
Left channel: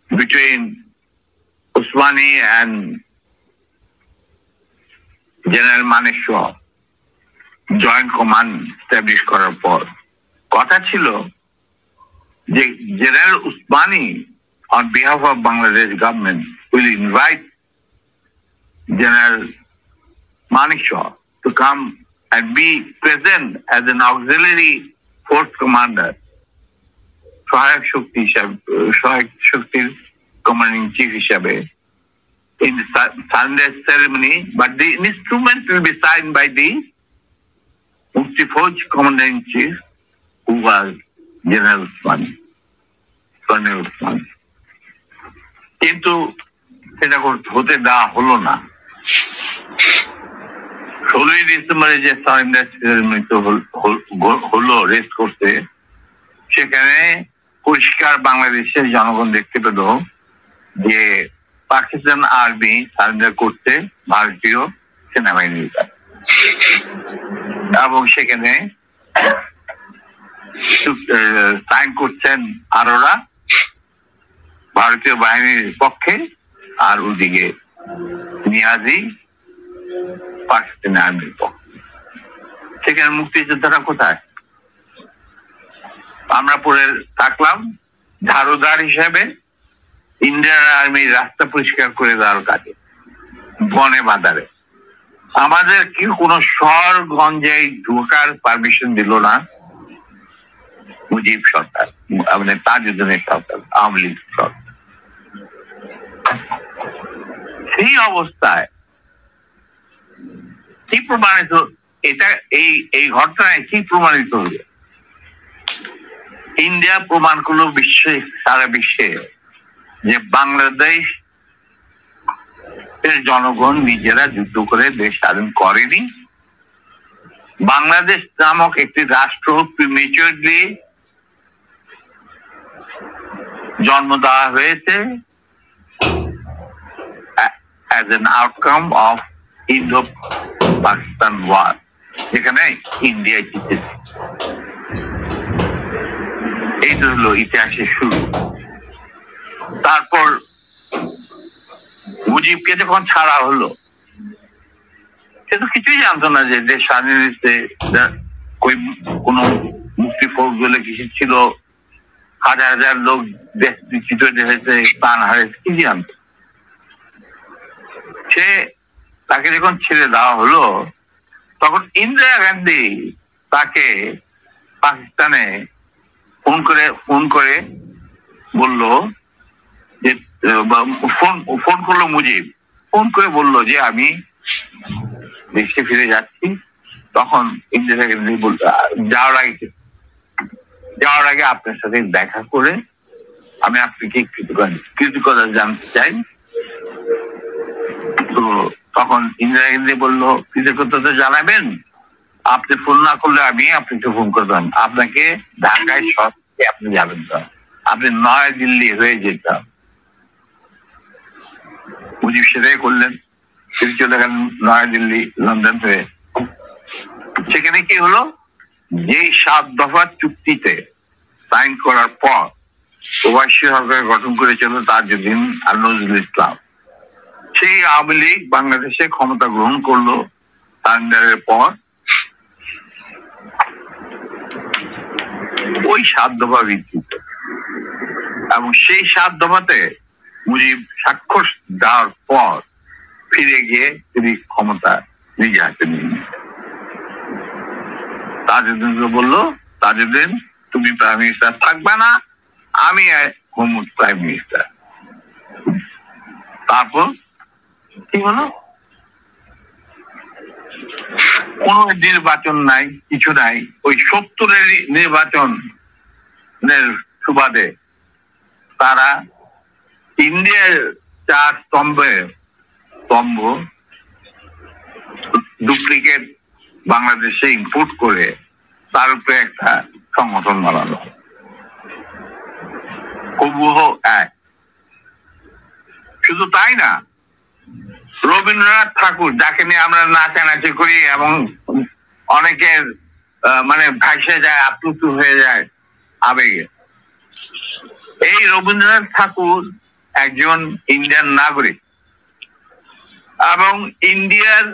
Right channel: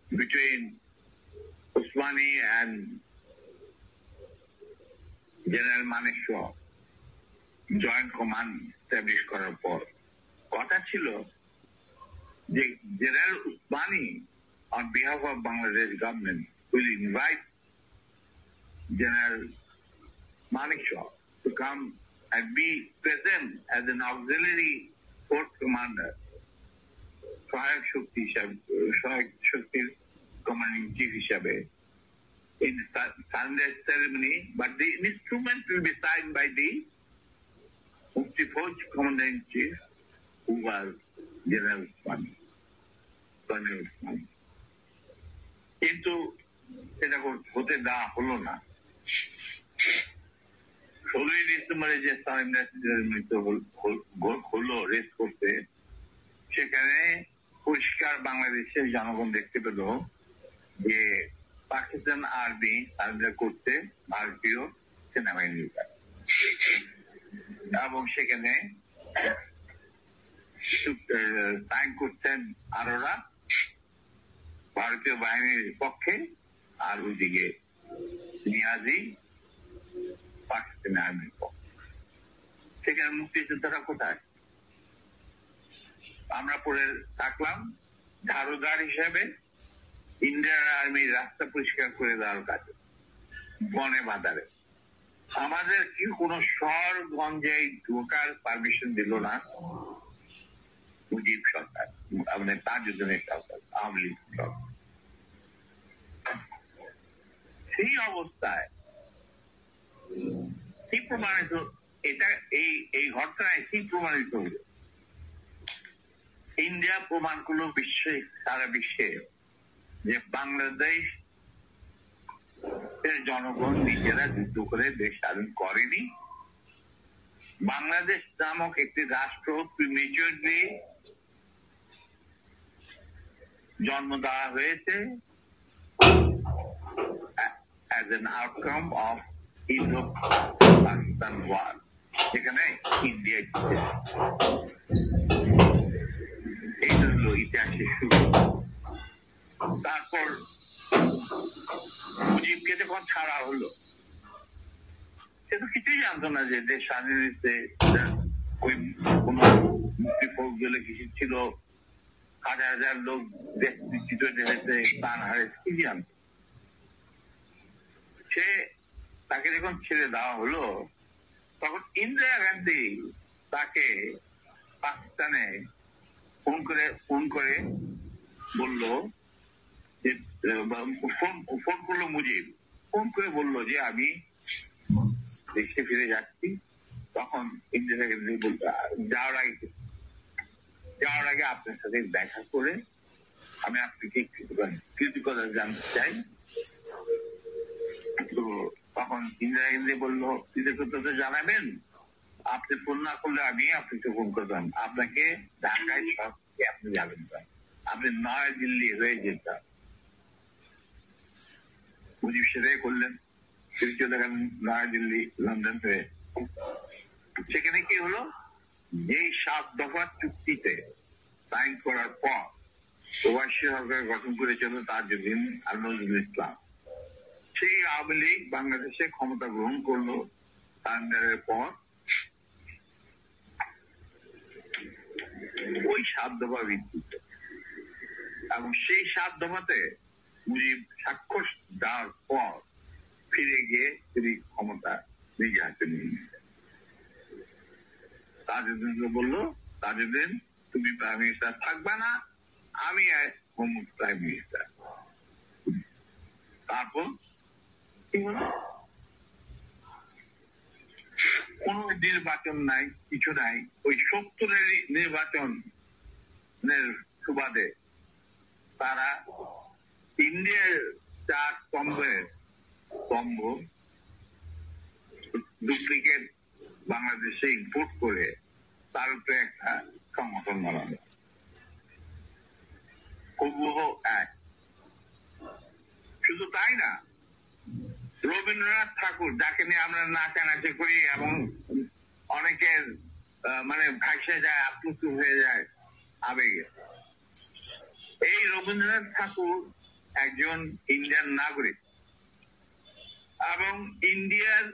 between Usmani and general Manekshaw joint command establish করার পর কথা ছিল যে general Usmani on behalf of Bangladesh government will invite General Manekshaw to come and be present as an auxiliary force commander, সহায়ক শক্তির commanding chief হিসাবে in the Sunday ceremony, but the instrument will be signed by the Mukti Fauj commander in chief who was general Osmani, colonel Osmani. কিন্তু সেটা হতে দেওয়া হলো না। 16ই ডিসেম্বরে যে সারেন্ডার সেরেমনি হলো রেস্ট করতে, সেখানে পরিষ্কার বাংলাদেশের জনগণ দেখতে পেল যে পাকিস্তান আর্মি সারেন্ডার করতে ভারতীয় সেনাবাহিনীর কাছে, এবং সেখানে সাইন করছেন আরোরা ভারতীয় বাহিনীর পক্ষে, আর ওদিকে নিয়াজি পাকিস্তানি আর্মির পক্ষে। সেখানে মুক্তিযোদ্ধারা কোথায়? আমরা পরে থাকলাম ঝাড়ুদার হিসেবে ইন্ডিয়ান আর্মি রাস্তা পরিষ্কার করে দেওয়ার কাজে, বনে বাজারে। আমাদের কি কোনো শহর গঞ্জে ঢোকার পারমিশন দিল না মুজিব সরকার, আমাদের তাজউদ্দিনের সরকার, আওয়ামী লীগ সরকার। সেই অবস্থায় কি প্রমাণিত, এটা এই ঘটনায় কি প্রমাণিত হলো? ইন্ডিয়া প্রমাণ করলো সারা বিশ্বে যে বাংলাদেশ এর জনগণ নিজেরা যুদ্ধ করে দেশ স্বাধীন করেনি। বাংলাদেশ নামক একটি রাষ্ট্র প্রিমেচুরলি জন্ম দেওয়া হয়েছে as an outcome of Indo-Pakistan war, যেখানে ইন্ডিয়া জিতেছে। এই তো হলো ইতিহাসের শুরু। তারপর মুজিবকে যখন ছাড়া হলো, সে তো কিছুই জানতো না যে দেশ স্বাধীন হয়েছে, কোন মুক্তি ফৌজ বলে কিছু ছিল, হাজার হাজার লোক দেশ বিচ্যুত হয়েছে, প্রাণ হারিয়েছে, কি জানতো? সে তাকে যখন ছেড়ে দেওয়া হলো, তখন ইন্দিরা গান্ধী তাকে পাকিস্তানে ফোন করে বলল যে, ফোন করলো মুজিব, ফোন করে বলল যে আমি দেশে ফিরে যাচ্ছি। তখন ইন্দিরা গান্ধী বলল, যাওয়ার আগে আপনার সাথে দেখা করে আমি আপনাকে কৃতজ্ঞতা জানতে চাই। তো তখন ইন্দিরা গান্ধী বললো, কৃতজ্ঞতা জানাবেন, আপনি ফোন না করলে আমি আপনাকে ফোন করতাম, আপনাকে ঢাকায় সত্যি আপনি যাবেন তো, আপনি নয়াদিল্লি হয়ে যেতাম। মুজিব সেটাই করলেন, তিনি চলে গেলেন নয়াদিল্লি, লন্ডন হয়ে। সেখানে কি হলো, যে 7 দফা চুক্তিতে সাইন করার পর প্রবাসী সরকার গঠন করেছিল তাজউদ্দিন আর নজরুল ইসলাম, সেই আওয়ামী লীগ বাংলাদেশে ক্ষমতা গ্রহণ করলো সারেন্ডারের পর। ওই 7 দফা ভিত্তিতে, এবং সেই 7 দফাতে মুজিব স্বাক্ষর দেওয়ার পর ফিরে গিয়ে তিনি ক্ষমতা নিজে হাতে নিয়ে নিলেন। তাজউদ্দিনকে বললো, তাজউদ্দিন তুমি প্রাইম মিনিস্টার থাকবে না, আমি হোম প্রাইম মিনিস্টার। তারপর কি হলো, কোন নির্বাচন নাই, কিছু নাই। ওই 70-এর নির্বাচনের সুবাদে তারা ইন্ডিয়ার 4 স্তম্ভ ডুপ্লিকেট বাংলাদেশে ইম্পোর্ট করে তার উপরে একটা সংগঠন বানালো, হুবহু এক। শুধু তাই না, রবীন্দ্রনাথ ঠাকুর, যাকে নিয়ে আমরা নাচানাচি করি এবং অনেকের মানে ভাসে যায়, আপ্লুত হয়ে যায় আবেগে, এই রবীন্দ্রনাথ ঠাকুর একজন ইন্ডিয়ান নাগরিক এবং ইন্ডিয়ার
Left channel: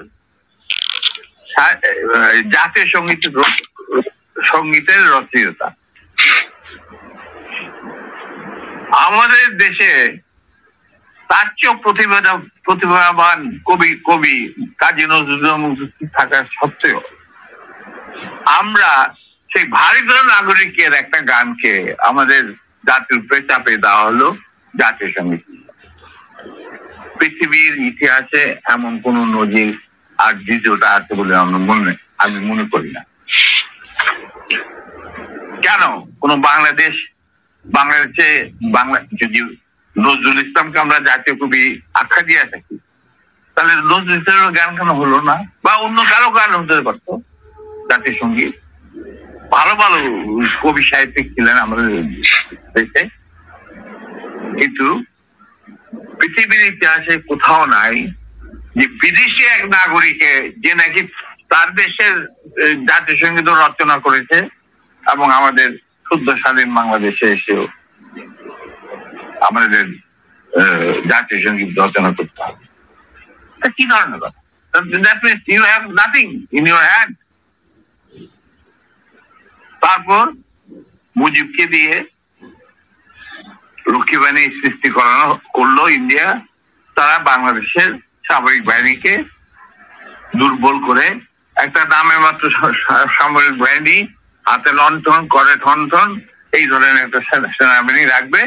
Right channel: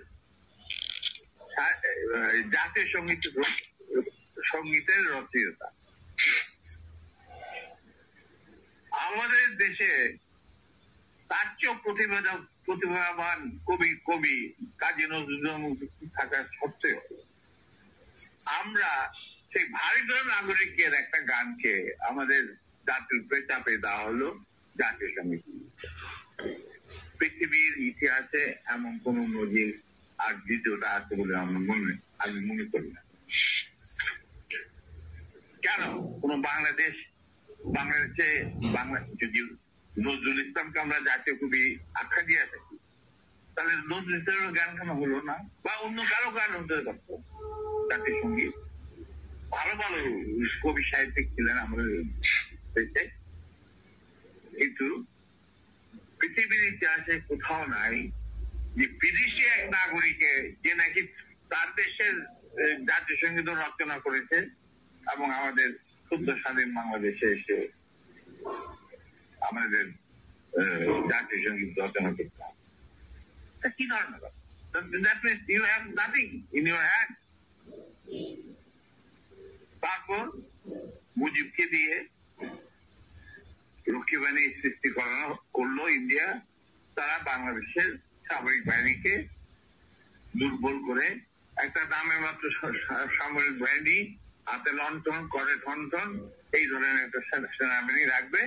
জাতীয় সঙ্গীতের রচয়িতা। আমাদের দেশে তার চেয়েও প্রতিভাবান কবি কাজী নজরুল থাকার সত্ত্বেও আমরা সেই ভারতীয় নাগরিকের একটা গানকে আমাদের জাতির উপরে চাপে দেওয়া হলো জাতীয় সঙ্গীত। পৃথিবীর ইতিহাসে এমন কোন নজির আর দ্বিতীয়টা আছে বলে আমি মনে করি না। কেন কোন বাংলাদেশে যদি নজরুল ইসলামকে আমরা জাতীয় কবি আখ্যা দিয়ে থাকি, তাহলে নজরুল ইসলামের গান কেন হলো না? বা অন্য কারো গান হতে পারতো জাতীয় সঙ্গীত। ভালো ভালো কবি সাহিত্যিক ছিলেন আমাদের দেশে, কিন্তু পৃথিবীর ইতিহাসে কোথাও নাই যে বিদেশি এক নাগরিকে যে নাকি তার দেশের জাতীয় সঙ্গীত রচনা করেছে এবং আমাদের শুদ্ধ স্বাধীন বাংলাদেশে এসেও আমাদের জাতীয় সঙ্গীত রচনা করতে হবে। কি ধরনের কথা? That means you have nothing in your hand. তারপর মুজিবকে দিয়ে রক্ষী বাহিনী সৃষ্টি করলো ইন্ডিয়া। তারা বাংলাদেশের সামরিক বাহিনীকে দুর্বল করে একটা নামে মাত্র সামরিক বাহিনী, হাতে লণ্ঠন করে ঠনঠন, এই ধরনের একটা সেনাবাহিনী রাখবে।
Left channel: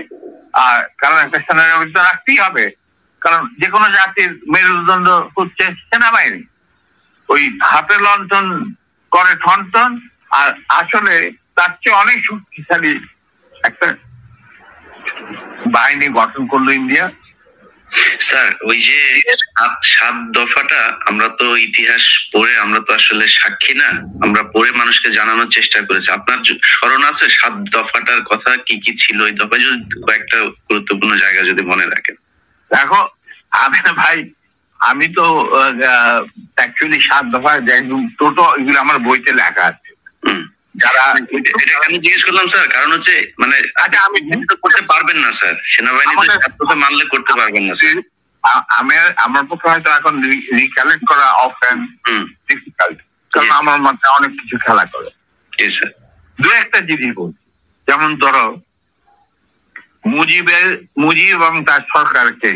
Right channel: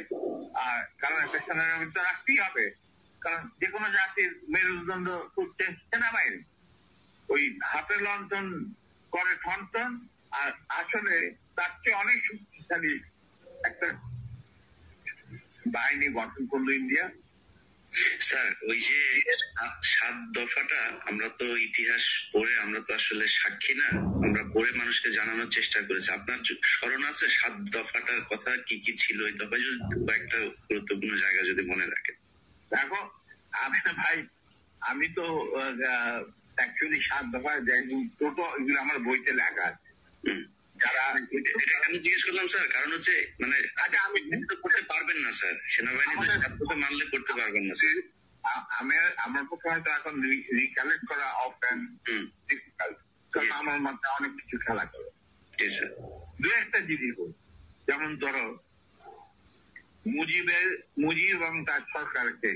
আর কারণ একটা সেনাবাহিনী তো রাখতেই হবে, কারণ যে কোনো জাতির মেরুদণ্ড হচ্ছে সেনাবাহিনী। ওই হাতে লণ্ঠন করে ঠনঠন, আর আসলে তার চেয়ে অনেক শক্তিশালী একটা বাহিনী গঠন করলো ইন্ডিয়া। স্যার, ওই যে 7 দফাটা আমরা তো ইতিহাস পড়ে, আমরা তো আসলে সাক্ষী না, আমরা পড়ে মানুষকে জানানোর চেষ্টা করেছি। আপনার স্মরণ আছে 7 দফাটার কথা কি কি ছিল? ওই দফায় যদি কয়েকটা গুরুত্বপূর্ণ জায়গা যদি মনে রাখেন। দেখো ভাই, আমি তো অ্যাকচুয়ালি 7 দফা টোটো এগুলো আমার বইতে লেখা আছে। যারা এটা কেন জিজ্ঞেস করলাম স্যার, কারণ হচ্ছে মানে আচ্ছা, আমি করতে পারবেন না স্যার, সেনাবাহিনী মানলে করতে পারবেন না স্যার। আমার পক্ষে হয়তো এখন রিকালেক্ট করা অফেন ডিফিকাল্ট, কারণ আমার মাথায় অনেক কিছু খেলা করে। দু একটা জিনিস বল, যেমন ধরো মুজিব এবং তার সরকারকে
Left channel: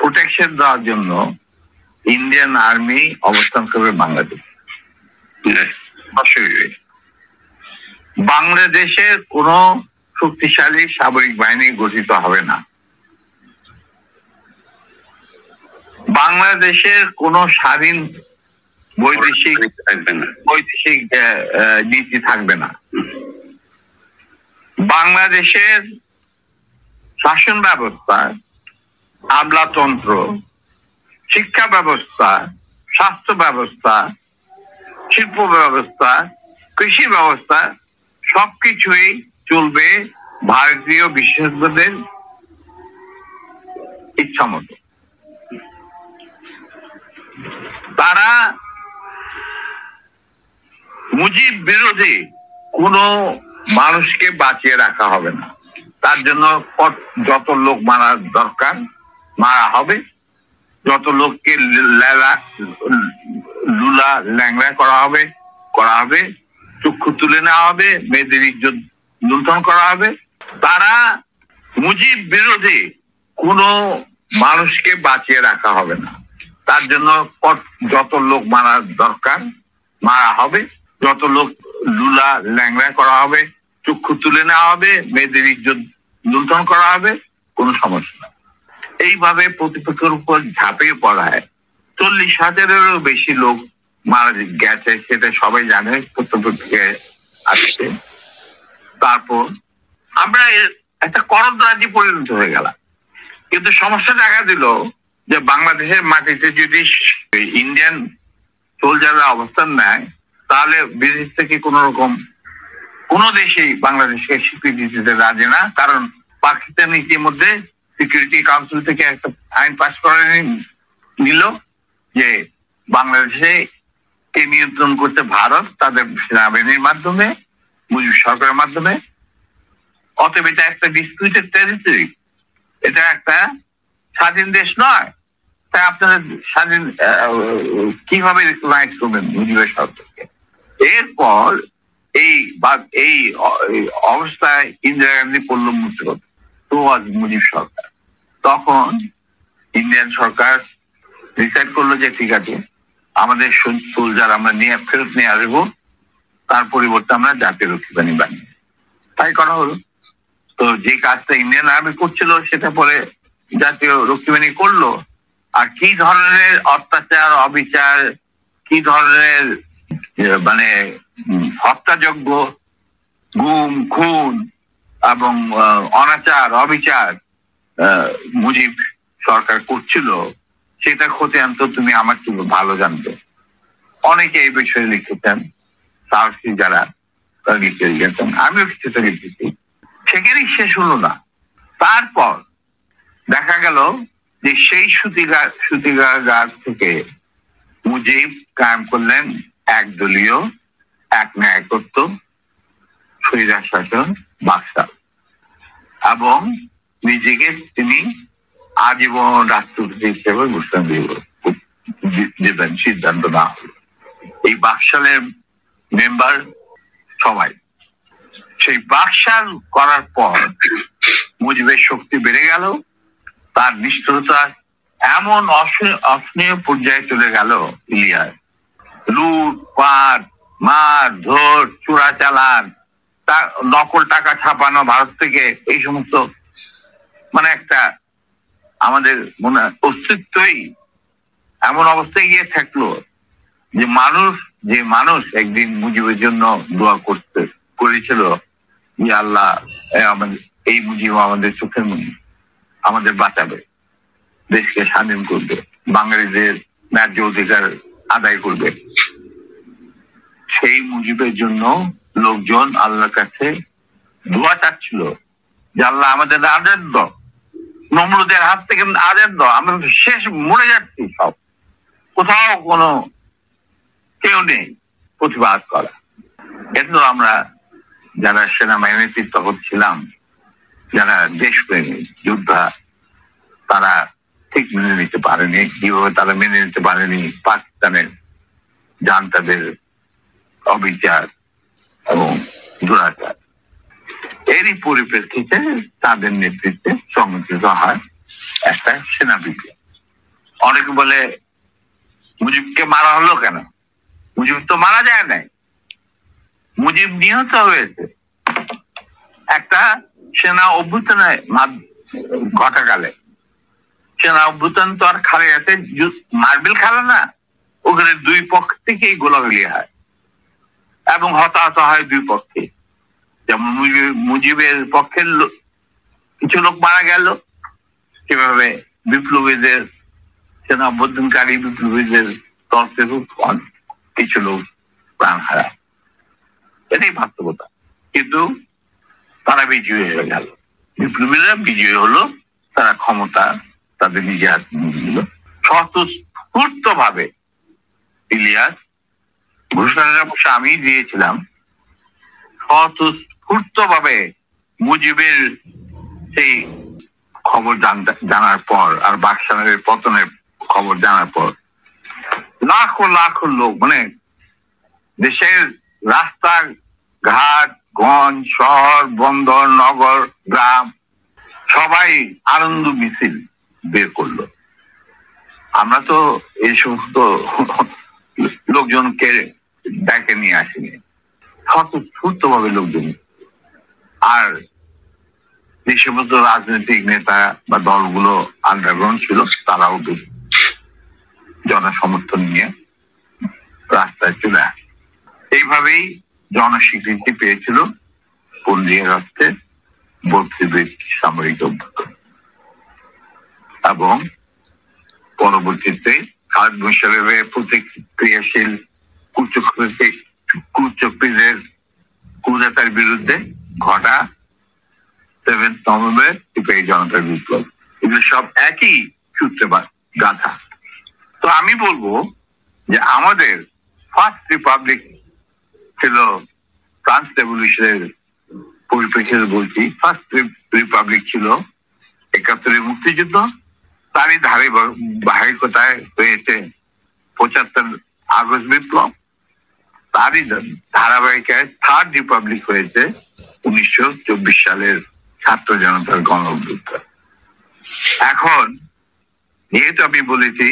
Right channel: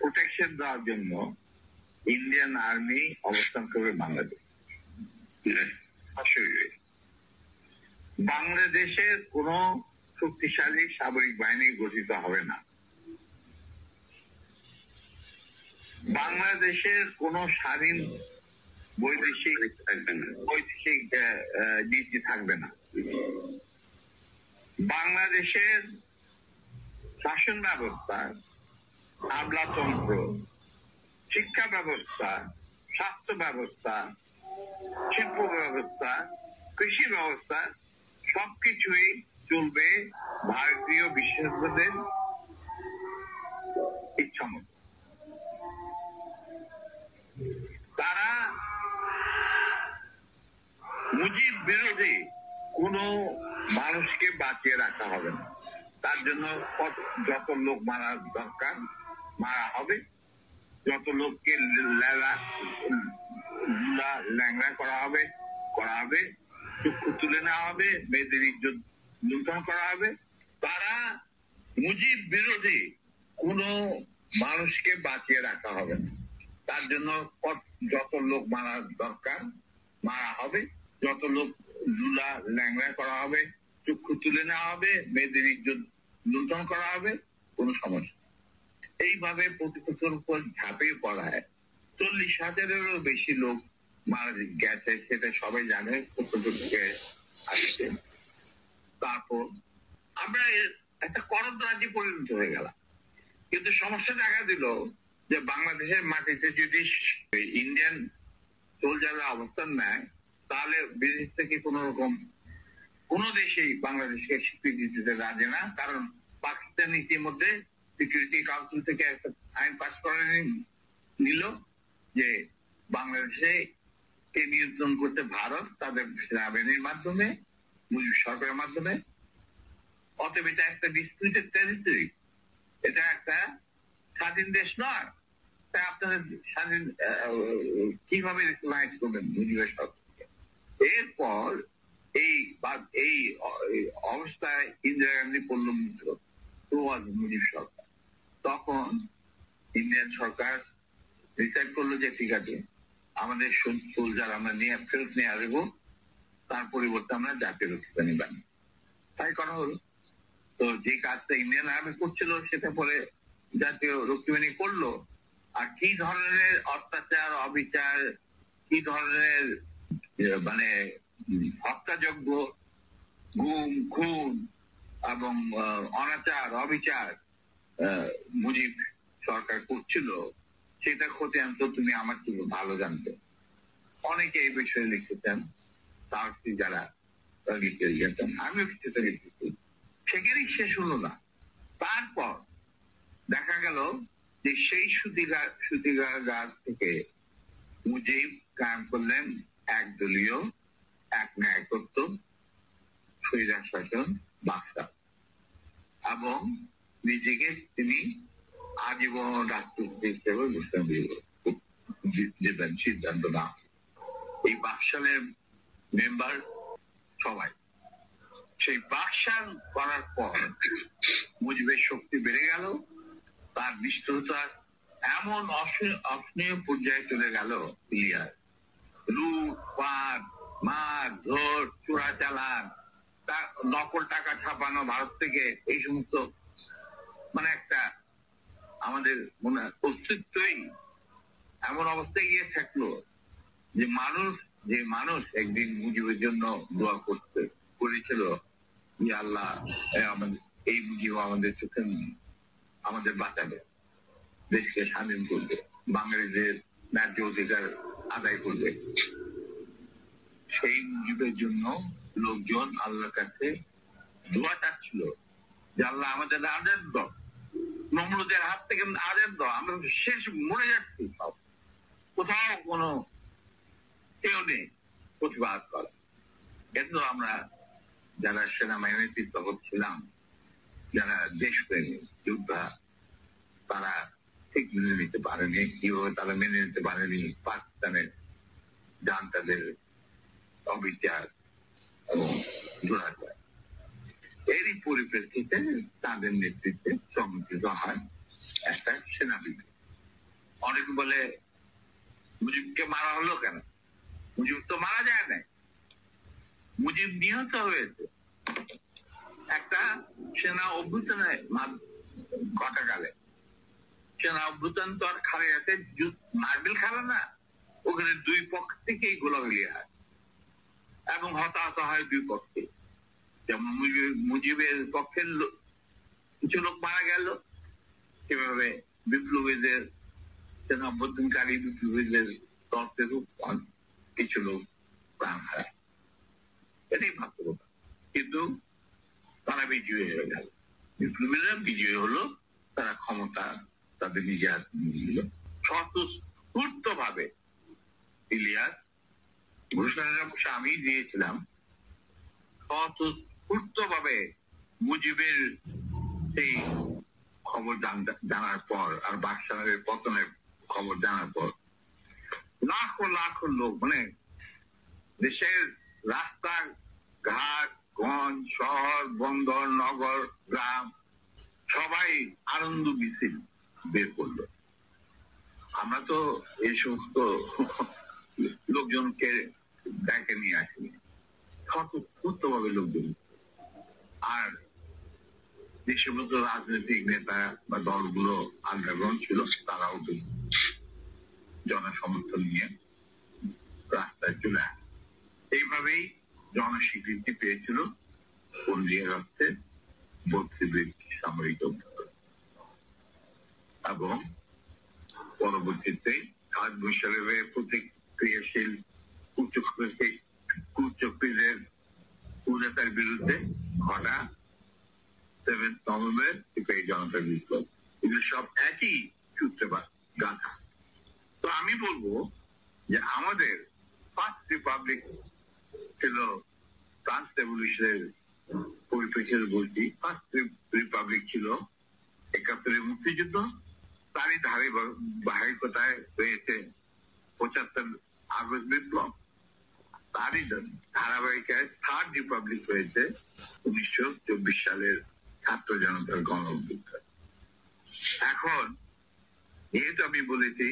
প্রোটেকশন দেওয়ার জন্য ইন্ডিয়ান আর্মি অবস্থান করবে বাংলাদেশ। বাংলাদেশের কোন শক্তিশালী সামরিক বাহিনী গঠিত হবে না। বাংলাদেশের কোন স্বাধীন বৈদেশিক নীতি থাকবে না। বাংলাদেশের শাসন ব্যবস্থা, আমলাতন্ত্র, শিক্ষা ব্যবস্থা, স্বাস্থ্য ব্যবস্থা, শিল্প ব্যবস্থা, কৃষি ব্যবস্থা সবকিছুই চলবে ভারতীয় বিশেষজ্ঞদের ইচ্ছা মতো। তারা মুজিব বিরোধী কোন মানুষকে বাঁচিয়ে রাখা হবে না। তার জন্য যত লোক মারা দরকার মারা হবে, যত লোককে লুলা ল্যাংড়া করা হবে, চক্ষু তুলে নেওয়া হবে, মেয়েদের ইজ্জত লুণ্ঠন করা হবে। তারা মুজিব বিরোধী কোন মানুষকে বাঁচিয়ে রাখা হবে না। তার জন্য যত লোক মারা দরকার মারা হবে, যত লোক লুলা ল্যাংড়া করা হবে, চক্ষু তুলে নেওয়া হবে, মেয়েদের ইজ্জত লুণ্ঠন করা হবে, কোনো সমস্যা না। এইভাবে প্রতিপক্ষের উপর ঝাঁপিয়ে পড়ায় 40,000-এরও বেশি লোক মারা গেছে, সেটা সবাই জানে, প্রত্যেকে আসছে। তারপর আমরা একটা করদরাজি পরিণত হয়ে গেলাম। কিন্তু সমস্যা দেখা দিল যে বাংলাদেশের মাটিতে যদি ইন্ডিয়ান সোলজাররা অবস্থান নেয়, তাহলে বিদেশ থেকে কোন রকম কোন দেশেই বাংলাদেশকে স্বীকৃতি দিতে রাজি না। কারণ পাকিস্তান ইতিমধ্যে সিকিউরিটি কাউন্সিল থেকে একটা আইন পাস করে নিল যে বাংলাদেশে কে নিয়ন্ত্রণ করতে ভারত তাদের সেনাবাহিনীর মাধ্যমে, মুজিব সরকারের মাধ্যমে। অতএব এটা একটা ডিসপিউটেড টেরিটরি, এটা একটা স্বাধীন দেশ নয়। তাই আপনারা স্বাধীন কিভাবে রিকগনাইজ করবেন মুজিবের সরকারকে? এরপর এই অবস্থায় ইন্দিরা গান্ধী পড়ল মুক্তিগত, তো মুজিব সরকার। তখন ইন্ডিয়ান সরকার ডিসাইড করলো যে ঠিক আছে, আমাদের সোলজার আমরা ফেরত নিয়ে আসবো, তার পরিবর্তে আমরা জাতীয় রক্ষী বাহিনী বানিয়ে, তাই করা হলো। তো যে কাজটা ইন্ডিয়ান আর্মি করছিল সেটা পরে জাতীয় রক্ষী বাহিনী করলো। আর কি ধরনের অত্যাচার, অবিচার, কি কি ধরনের মানে হত্যাযজ্ঞ, গুম খুন এবং অনাচার অবিচার মুজিব সরকার করছিল, সেটা খতিয়ান তো তুমি আমার থেকে ভালো জানবে। অনেকে এই বিষয়ে লিখেছেন, সাহসী যারা তারা লিখে গেছেন, আমিও কিছুটা লিখেছি। সেখানেই শেষ হলো না। তারপর দেখা গেল যে সেই সুতিগার থেকে মুজিব কায়েম করলেন একদলীয় এক ন্যায়কত্ব স্বৈরাচার শাসন বাদশাহ, এবং নিজেকে তিনি আজীবন রাষ্ট্রপতি হিসেবে ঘোষণা দেবেন সিদ্ধান্ত না হল। এই বাকশালের মেম্বার সবাই। সেই বাকশাল করার পর মুজিবের শক্তি বেড়ে গেল, তার নিষ্ঠুরতা এমন অসহনীয় পর্যায়ে চলে গেল। ইলিয়াস লুটপাট, মার ধর, চোরাচালান, নকল টাকা ছাপানো ভারত থেকে, এই সমস্ত মানে একটা আমাদের মনে অস্তিত্বই এমন অবস্থায় গিয়ে থাকলো যে মানুষ একদিন মুজিবের জন্য দোয়া করেছিল যে আল্লাহ এই মুজিব আমাদের চোখের মনি, আমাদের বাঁচাবে, দেশকে স্বাধীন করবে, বাঙালিদের ন্যায্য অধিকার আদায় করবে। সেই মুজিবের জন্য লোকজন আল্লাহর কাছে দোয়া চাচ্ছিল যে আল্লাহ আমাদের আজাদ দাও, নমরুদের হাত থেকে আজাদ দাও, আমরা শেষ মরে যাচ্ছি, সব কোথাও কোনো কেউ নেই প্রতিবাদ করা। কিন্তু আমরা যারা সেনাবাহিনীতে তখন ছিলাম, যারা দেশপ্রেমী যোদ্ধা, তারা ঠিক মেনে নিতে পারেনি। কিভাবে তারা মেনে নিতে পারেনি পাকিস্তানের জান্তাদের অবিচার এবং দুরাচার। এরই পরিপ্রেক্ষিতে তাদের নেতৃত্বে সংগঠিত হয় একটা সেনা বিপ্লব। অনেকে বলে মুজিবকে মারা হলো কেন? মুজিব তো মারা যায় নাই, মুজিব নিহত হয়েছে একটা সেনা অভ্যুত্থানে ঘটাকালে। সেনা অভ্যুত্থান তো আর খালে আছে মার্বেল খেলা না, ওখানে দুই পক্ষ থেকেই গোলাগুলি হয় এবং হতাহত হয় দুই পক্ষে। যেমন মুজিবের পক্ষের কিছু লোক মারা গেল, সেভাবে বিপ্লবীদের সেনা অভ্যুত্থানকারী বিপ্লবীদের তরফে কিছু লোক প্রাণ হারায়। এটাই বাস্তবতা। কিন্তু তারা বিজয়ী হয়ে গেল, বিপ্লবীরা বিজয়ী হলো, তারা ক্ষমতা তাদের নিজে হাতে নিয়ে নিল। স্বতঃস্ফূর্ত ভাবে ইলিয়াস ঘোষণাটা অবশ্য আমি দিয়েছিলাম, স্বতঃস্ফূর্ত ভাবে মুজিবের সেই খবর জানার পর আর বাকশালের পতনের খবর জানার পর লাখো লাখো লোক, মানে দেশের রাস্তা ঘাট, গঞ্জ, শহর, বন্দর, নগর, গ্রাম সবাই আনন্দ মিছিল বের করলো। আমরা তো এই সমস্ত লোকজনকে ডেকে নিয়ে আসিনি, স্বতঃস্ফূর্ত ভাবে লোকজন। আর যে সমস্ত রাজনৈতিক নেতা বা দলগুলো আন্ডারগ্রাউন্ড ছিল, তারাও জনসমর্থন নিয়ে রাস্তায় চলে আসে। এইভাবেই জনস্বীকৃতি পেয়েছিল 15 আগস্টে 32 সামরিক অভ্যুত্থান। এবং পরবর্তীতে খালেদ মোশাররফের প্রতিক্রিয়াশীল কুচক্রীদের কুদাতার বিরুদ্ধে ঘটা 7 নভেম্বর সিপাহী জনতার বিপ্লব, এগুলো সব একই সূত্রে গাথা। তো আমি বলবো যে আমাদের ফার্স্ট রিপাবলিক ছিল ফ্রান্স রেভলিউশনের পরিপ্রেক্ষিতে বলছি, ফার্স্ট রিপাবলিক ছিল 71 মুক্তিযুদ্ধ, তারই ধারাবাহিকতায় হয়েছে 75 আগস্ট বিপ্লব, তারই ধারাবাহিকায় থার্ড রিপাবলিক হয়েছে 1924 সালের ছাত্র জনতার গণ অভ্যুত্থান। এখন যেহেতু আমি বলেছি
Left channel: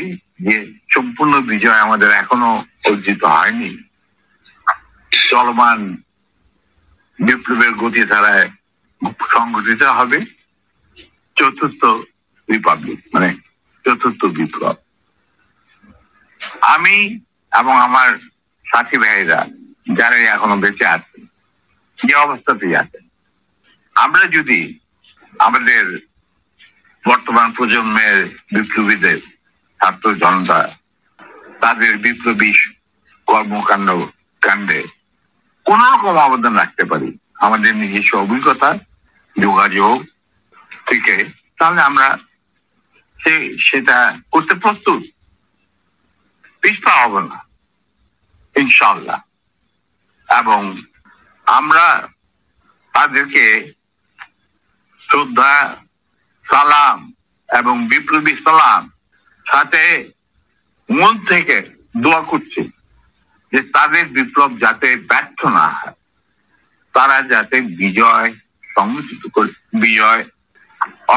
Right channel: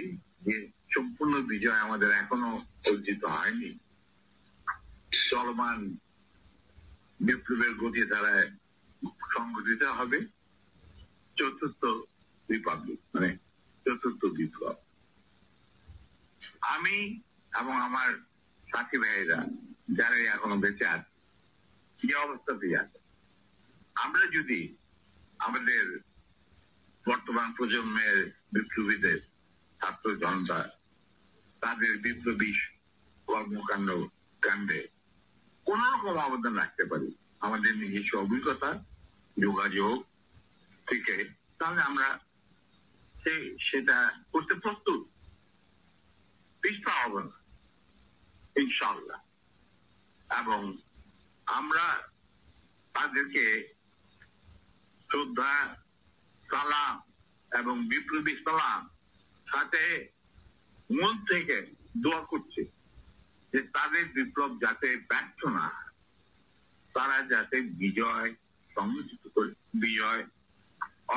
যে সম্পূর্ণ বিজয় আমাদের এখনো অর্জিত হয়নি, চলমান বিপ্লবের গতি ধারায় সংগঠিত হবে চতুর্থ রিপাবলিক, মানে চতুর্থ বিপ্লব। আমি এবং আমার সাথী ভাইরা যারা এখনো বেঁচে আছে, যে অবস্থাতেই আছে, আমরা যদি আমাদের বর্তমান প্রজন্মের বিপ্লবীদের, ছাত্র জনতা, তাদের বিপ্লবী কর্মকাণ্ড কাণ্ডে কোন রকম অবদান রাখতে পারি আমাদের নিজস্ব অভিজ্ঞতা, যোগাযোগ থেকে, তাহলে আমরা সেটা করতে প্রস্তুত, পিছপা হব না ইনশাআল্লাহ। এবং আমরা তাদেরকে শ্রদ্ধা, সালাম এবং বিপ্লবী সালাম সাথে মন থেকে দোয়া করছি যে তাদের বিপ্লব যাতে ব্যর্থ না হয়, তারা যাতে বিজয়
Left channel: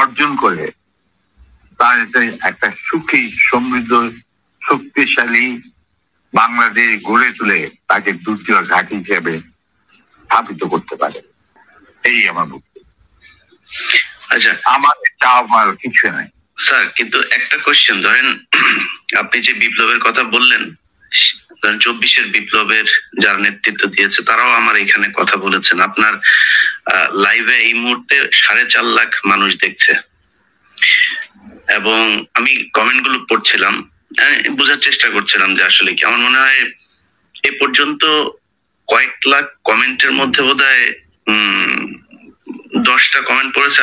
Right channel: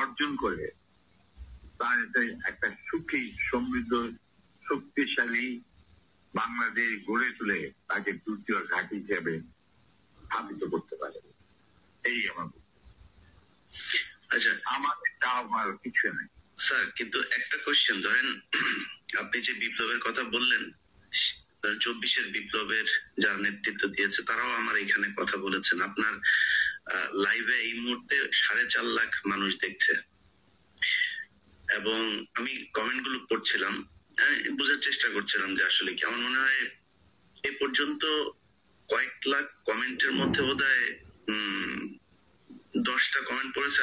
অর্জন করে, তারা যাতে একটা সুখী, সমৃদ্ধ, শক্তিশালী বাংলাদেশ গড়ে তুলে তাকে দ্বিতীয় ঘাঁটি হিসেবে স্থাপিত করতে পারে। এই আমার বক্তব্য। আচ্ছা, আমার চাওয়ার কিছু নাই স্যার, কিন্তু একটা কোশ্চেন, ধরেন আপনি যে বিপ্লবের কথা বললেন, 24-এর বিপ্লবের যারা নেতৃত্ব দিয়েছে তারাও আমার এখানে কথা বলেছেন। আপনার লাইভে এই মুহূর্তে 4.5 লাখ মানুষ দেখছে, এবং আমি কমেন্ট গুলো পড়ছিলাম, বোঝার চেষ্টা করছিলাম যে আসলে কি। আমার মনে হয় এ পর্যন্ত কয়েক লাখ কমেন্টের মধ্যে বোধহয় 10টা কমেন্ট পড়েছে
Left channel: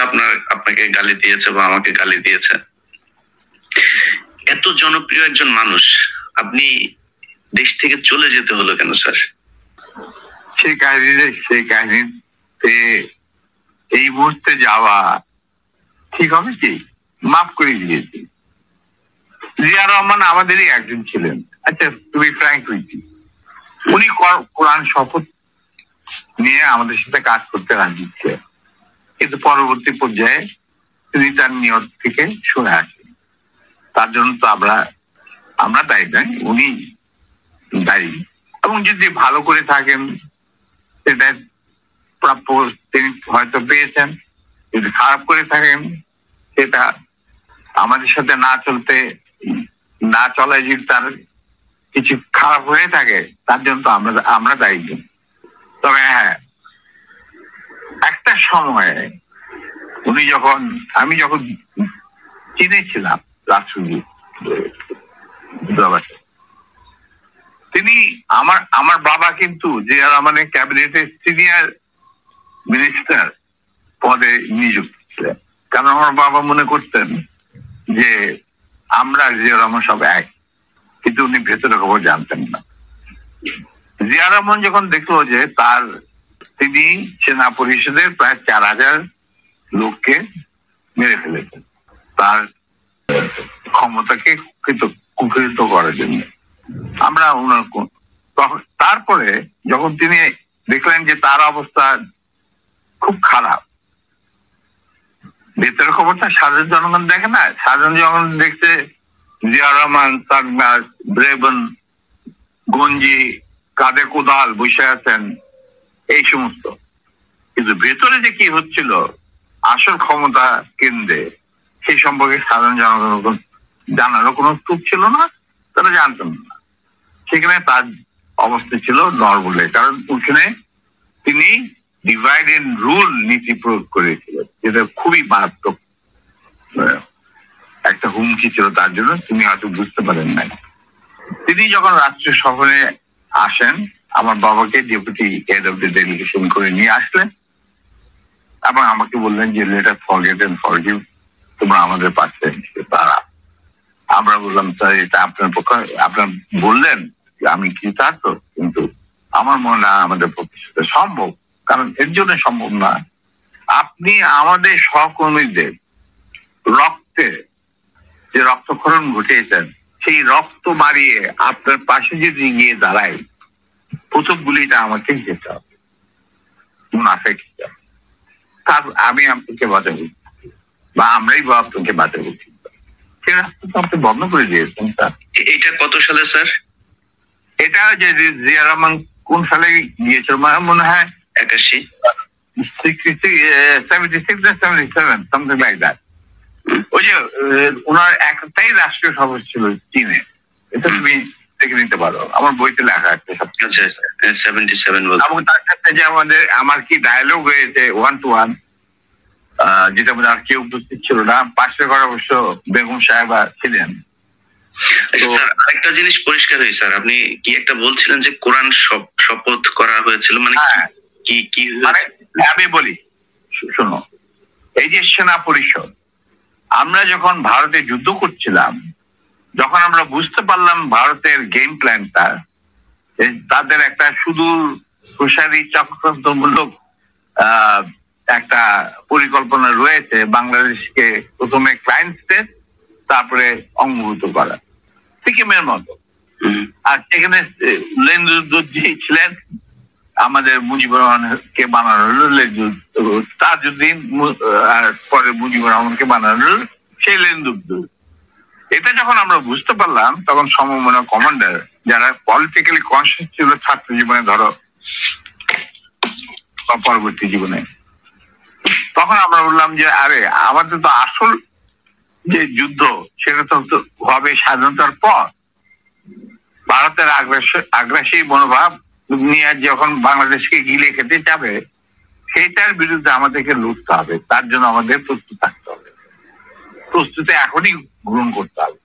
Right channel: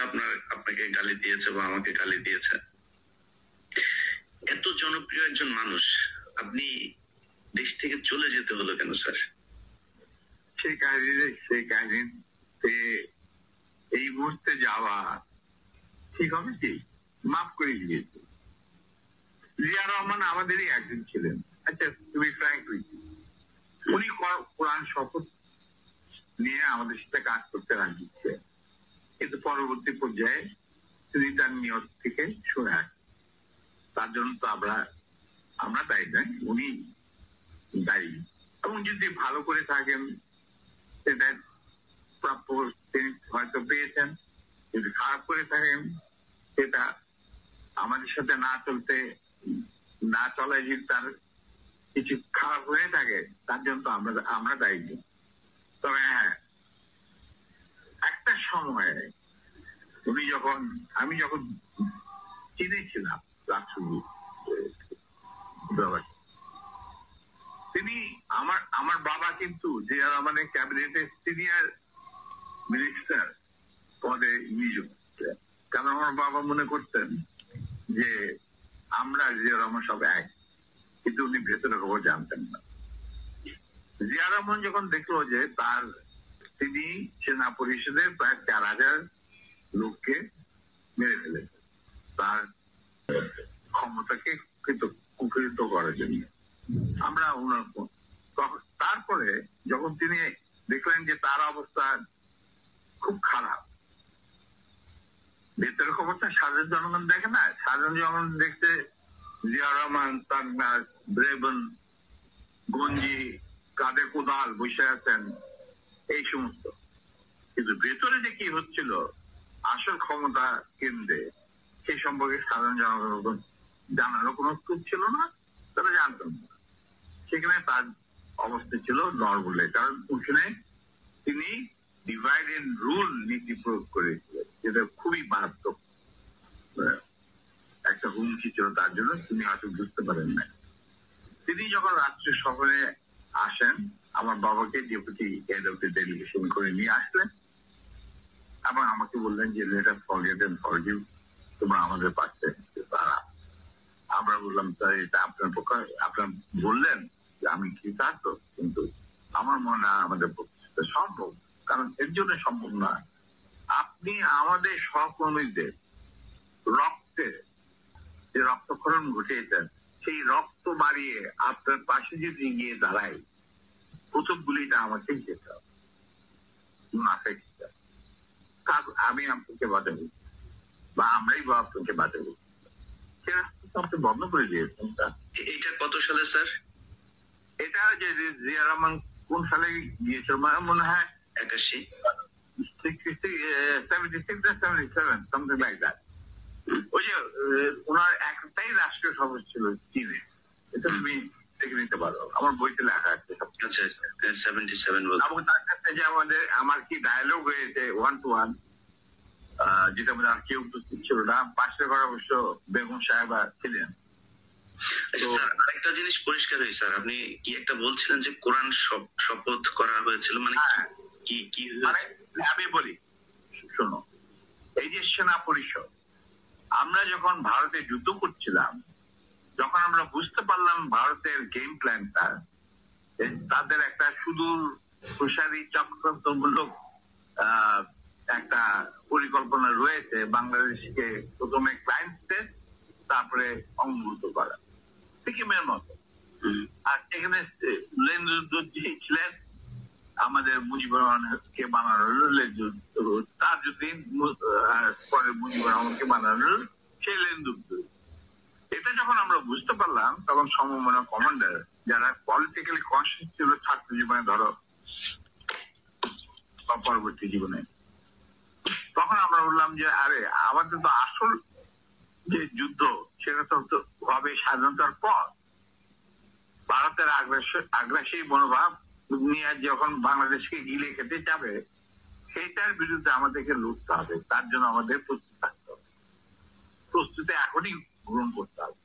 আপনাকে গালি দিয়েছে বা আমাকে গালি দিয়েছে। এত জনপ্রিয় একজন মানুষ, আপনি দেশ থেকে চলে যেতে হলো কেন স্যার? সেই কাহিনীতে এই মুহূর্তে যাওয়া ঠিক হবে কি? মাফ করে দিয়েছি। জিয়া রহমান আমাদেরই একজন ছিলেন। আচ্ছা, তুমি ফ্র্যাঙ্ক হইছি, উনি কোরআন শপথ নিয়ে আমাদের সাথে কাজ করতে রাজি ছিলেন, কিন্তু পরবর্তী পর্যায়ে তিনি তার নিয়ত থেকে সরে আসেন। তার জন্য তো আমরা দায়ী নয়, উনি দায়ী। এবং যদি ভালো করে থাকেন সেটা প্রাপ্য তিনি হয়তো পেয়েছেন, যদি খারাপ করে থাকেন সেটা আমাদের সাথে না চলায় যদি তার কিছু খারাপ হয়ে থাকে, তার জন্য তো আমরা দায়ী। তবে হ্যাঁ, একটা সময়ে আমি যখন চিনেছিলাম রাষ্ট্রদূত, তিনি আমার বাবা কিন্তু জিয়া রহমানের ক্যাবিনেটের সিনিয়র মিনিস্টার পদে নিযুক্ত ছিলেন। কারণ আমার বাবা মনে করতেন যে আমরা জিয়া রহমান সব এক, কিন্তু উনি ভেতরে খবর জানতেন না। জিয়া রহমান যখন দেখলো যে তিনি সেনা পরিষদের প্রায় 4000 লোককে মেরে ফেলেছেন তার ক্ষমতাকে কুক্ষিগত করার জন্য, তারপরে যখন তিনি দেখলেন যে তার অবস্থা খুব খারাপ, ভেতরের খবরটা সাধারণ জনগণ দেখে না, সাধারণ জনগণ দেখছে জিয়া রহমান সাগনাস, ব্রেবন, গঞ্জি, কাঁধে কোদাল বসে আছেন, এই সমস্ত। কিন্তু ভেতরে যে কি হচ্ছিল আসল ক্ষমতা কেন্দ্রে, সেই সম্পর্কে সাধারণ জনগণ জানারও কোনো সুযোগ ছিল না, তারা জানতেন না। সেখানে তার অবস্থা ছিল নরবলে, কারণ ওখানে তিনি ডিভাইড এন্ড রুল নীতি প্রয়োগ করেছিলেন, যেটা খুবই মারাত্মক একটা হুমকি ছিল তার জন্য। তিনি হয়তো বুঝতে পারেন নাই। তিনি যখন রাষ্ট্রীয় সফরে আসেন, আমার বাবাকে deputy head of the delegation করে নিয়ে আসলেন এবং আমাকে বললেন যে লেটার ফরগেট এন্ড ফরগিভ, তোমরা আমাদের পাশে তারা। আমরা বললাম স্যার, এটা আপনার পক্ষে, আপনার বললেন আমি কৃতার্থ, কিন্তু আমার মনে হয় আমাদের পক্ষে সেটা সম্ভব। কারণ এর জন্য সম্ভব না, আপনি আমাদের সহকর্মীদের রক্তে যে রক্তক্ষরণ ঘটিয়েছেন, সেই রক্ত মারিয়ে আপনার পাশে যদি গিয়ে দাঁড়ায়, প্রথম গুলিটা আমাকেই যেতে হবে, মুনাফেক হিসাবে। তার আমি আপনাকে বাঁচাবো বা আমরাই বা আপনাকে বাঁচাবো, সেই রাস্তা তো আপনি বন্ধ করে দিয়েছেন স্যার। এটা কত সালে স্যার? এটা যে জিয়া রহমান কোন সালে গিয়েছিল মনে হয় 81, 76 না 77, something like that। ওই যে ওনার একটাই রাষ্ট্রীয় সভা ছিল চীনে, এটা তুমি দেখে নিতে পারো, আমার বইতে লেখা আছে সব। আচ্ছা 77 বলতে। এবং তার সাথে যে আমার কি ডায়লগ হয়েছে 1 to 1, যেটা মধ্যে আর কেউ উপস্থিত ছিল না, পাশের ঘরে অবশ্য বেগম সাহেবা ছিলেন। স্যার আরেকটা জিনিস পরিষ্কার হয়েছে স্যার, আপনি কি একটা বলছিলেন যে কোরআন শপথ করা হয়েছিল, মানে কি মানে আমি বলি শোনো, এই যে সেনা পরিষদ, আমরা যখন ভারতে যুদ্ধ করছিলাম, যখন আমরা বুঝতে পারলাম ভারতের গেম প্ল্যানটা, তাদের একটা সুদূর প্রসারী চক্রান্তমূলক একটা পরিকল্পনা রয়েছে বাংলাদেশকে প্রথমে ক্লায়েন্ট স্টেট, তারপরে অঙ্গভূত করা, সিকিমের মতো। আর সেখানে লেন্দুদ্দি ছিলেন, আমাদের মুজিবুর রহমানকে বানানো হলো তাজউদ্দিন, আর পরে মুজিবুর রহমানকে বানানো হলো সেই লেন্দুদ্দি। এটা যখন আমরা বুঝতে পারলাম, তখন সমমনা কমান্ডার যারা পলিটিক্যালি কনসিয়াস ছিল ছাত্র জীবনে, ধরো পরবর্তী জীবনে, তখন আমরা বললাম যে আরে আমাদের তো আসল যে যুদ্ধ সেটা তো হবে স্বাধীনতার পর। ভারতের আগ্রাসী মনোভাব নিয়ে যখন বাংলাদেশকে গিলে খেতে যাবে, সেইটার বিরুদ্ধে আমাদেরকে লড়তে হবে। তার জন্য আমাদের প্রস্তুত থাকতে হবে, প্রস্তুতি এখনই গ্রহণ করতে হবে।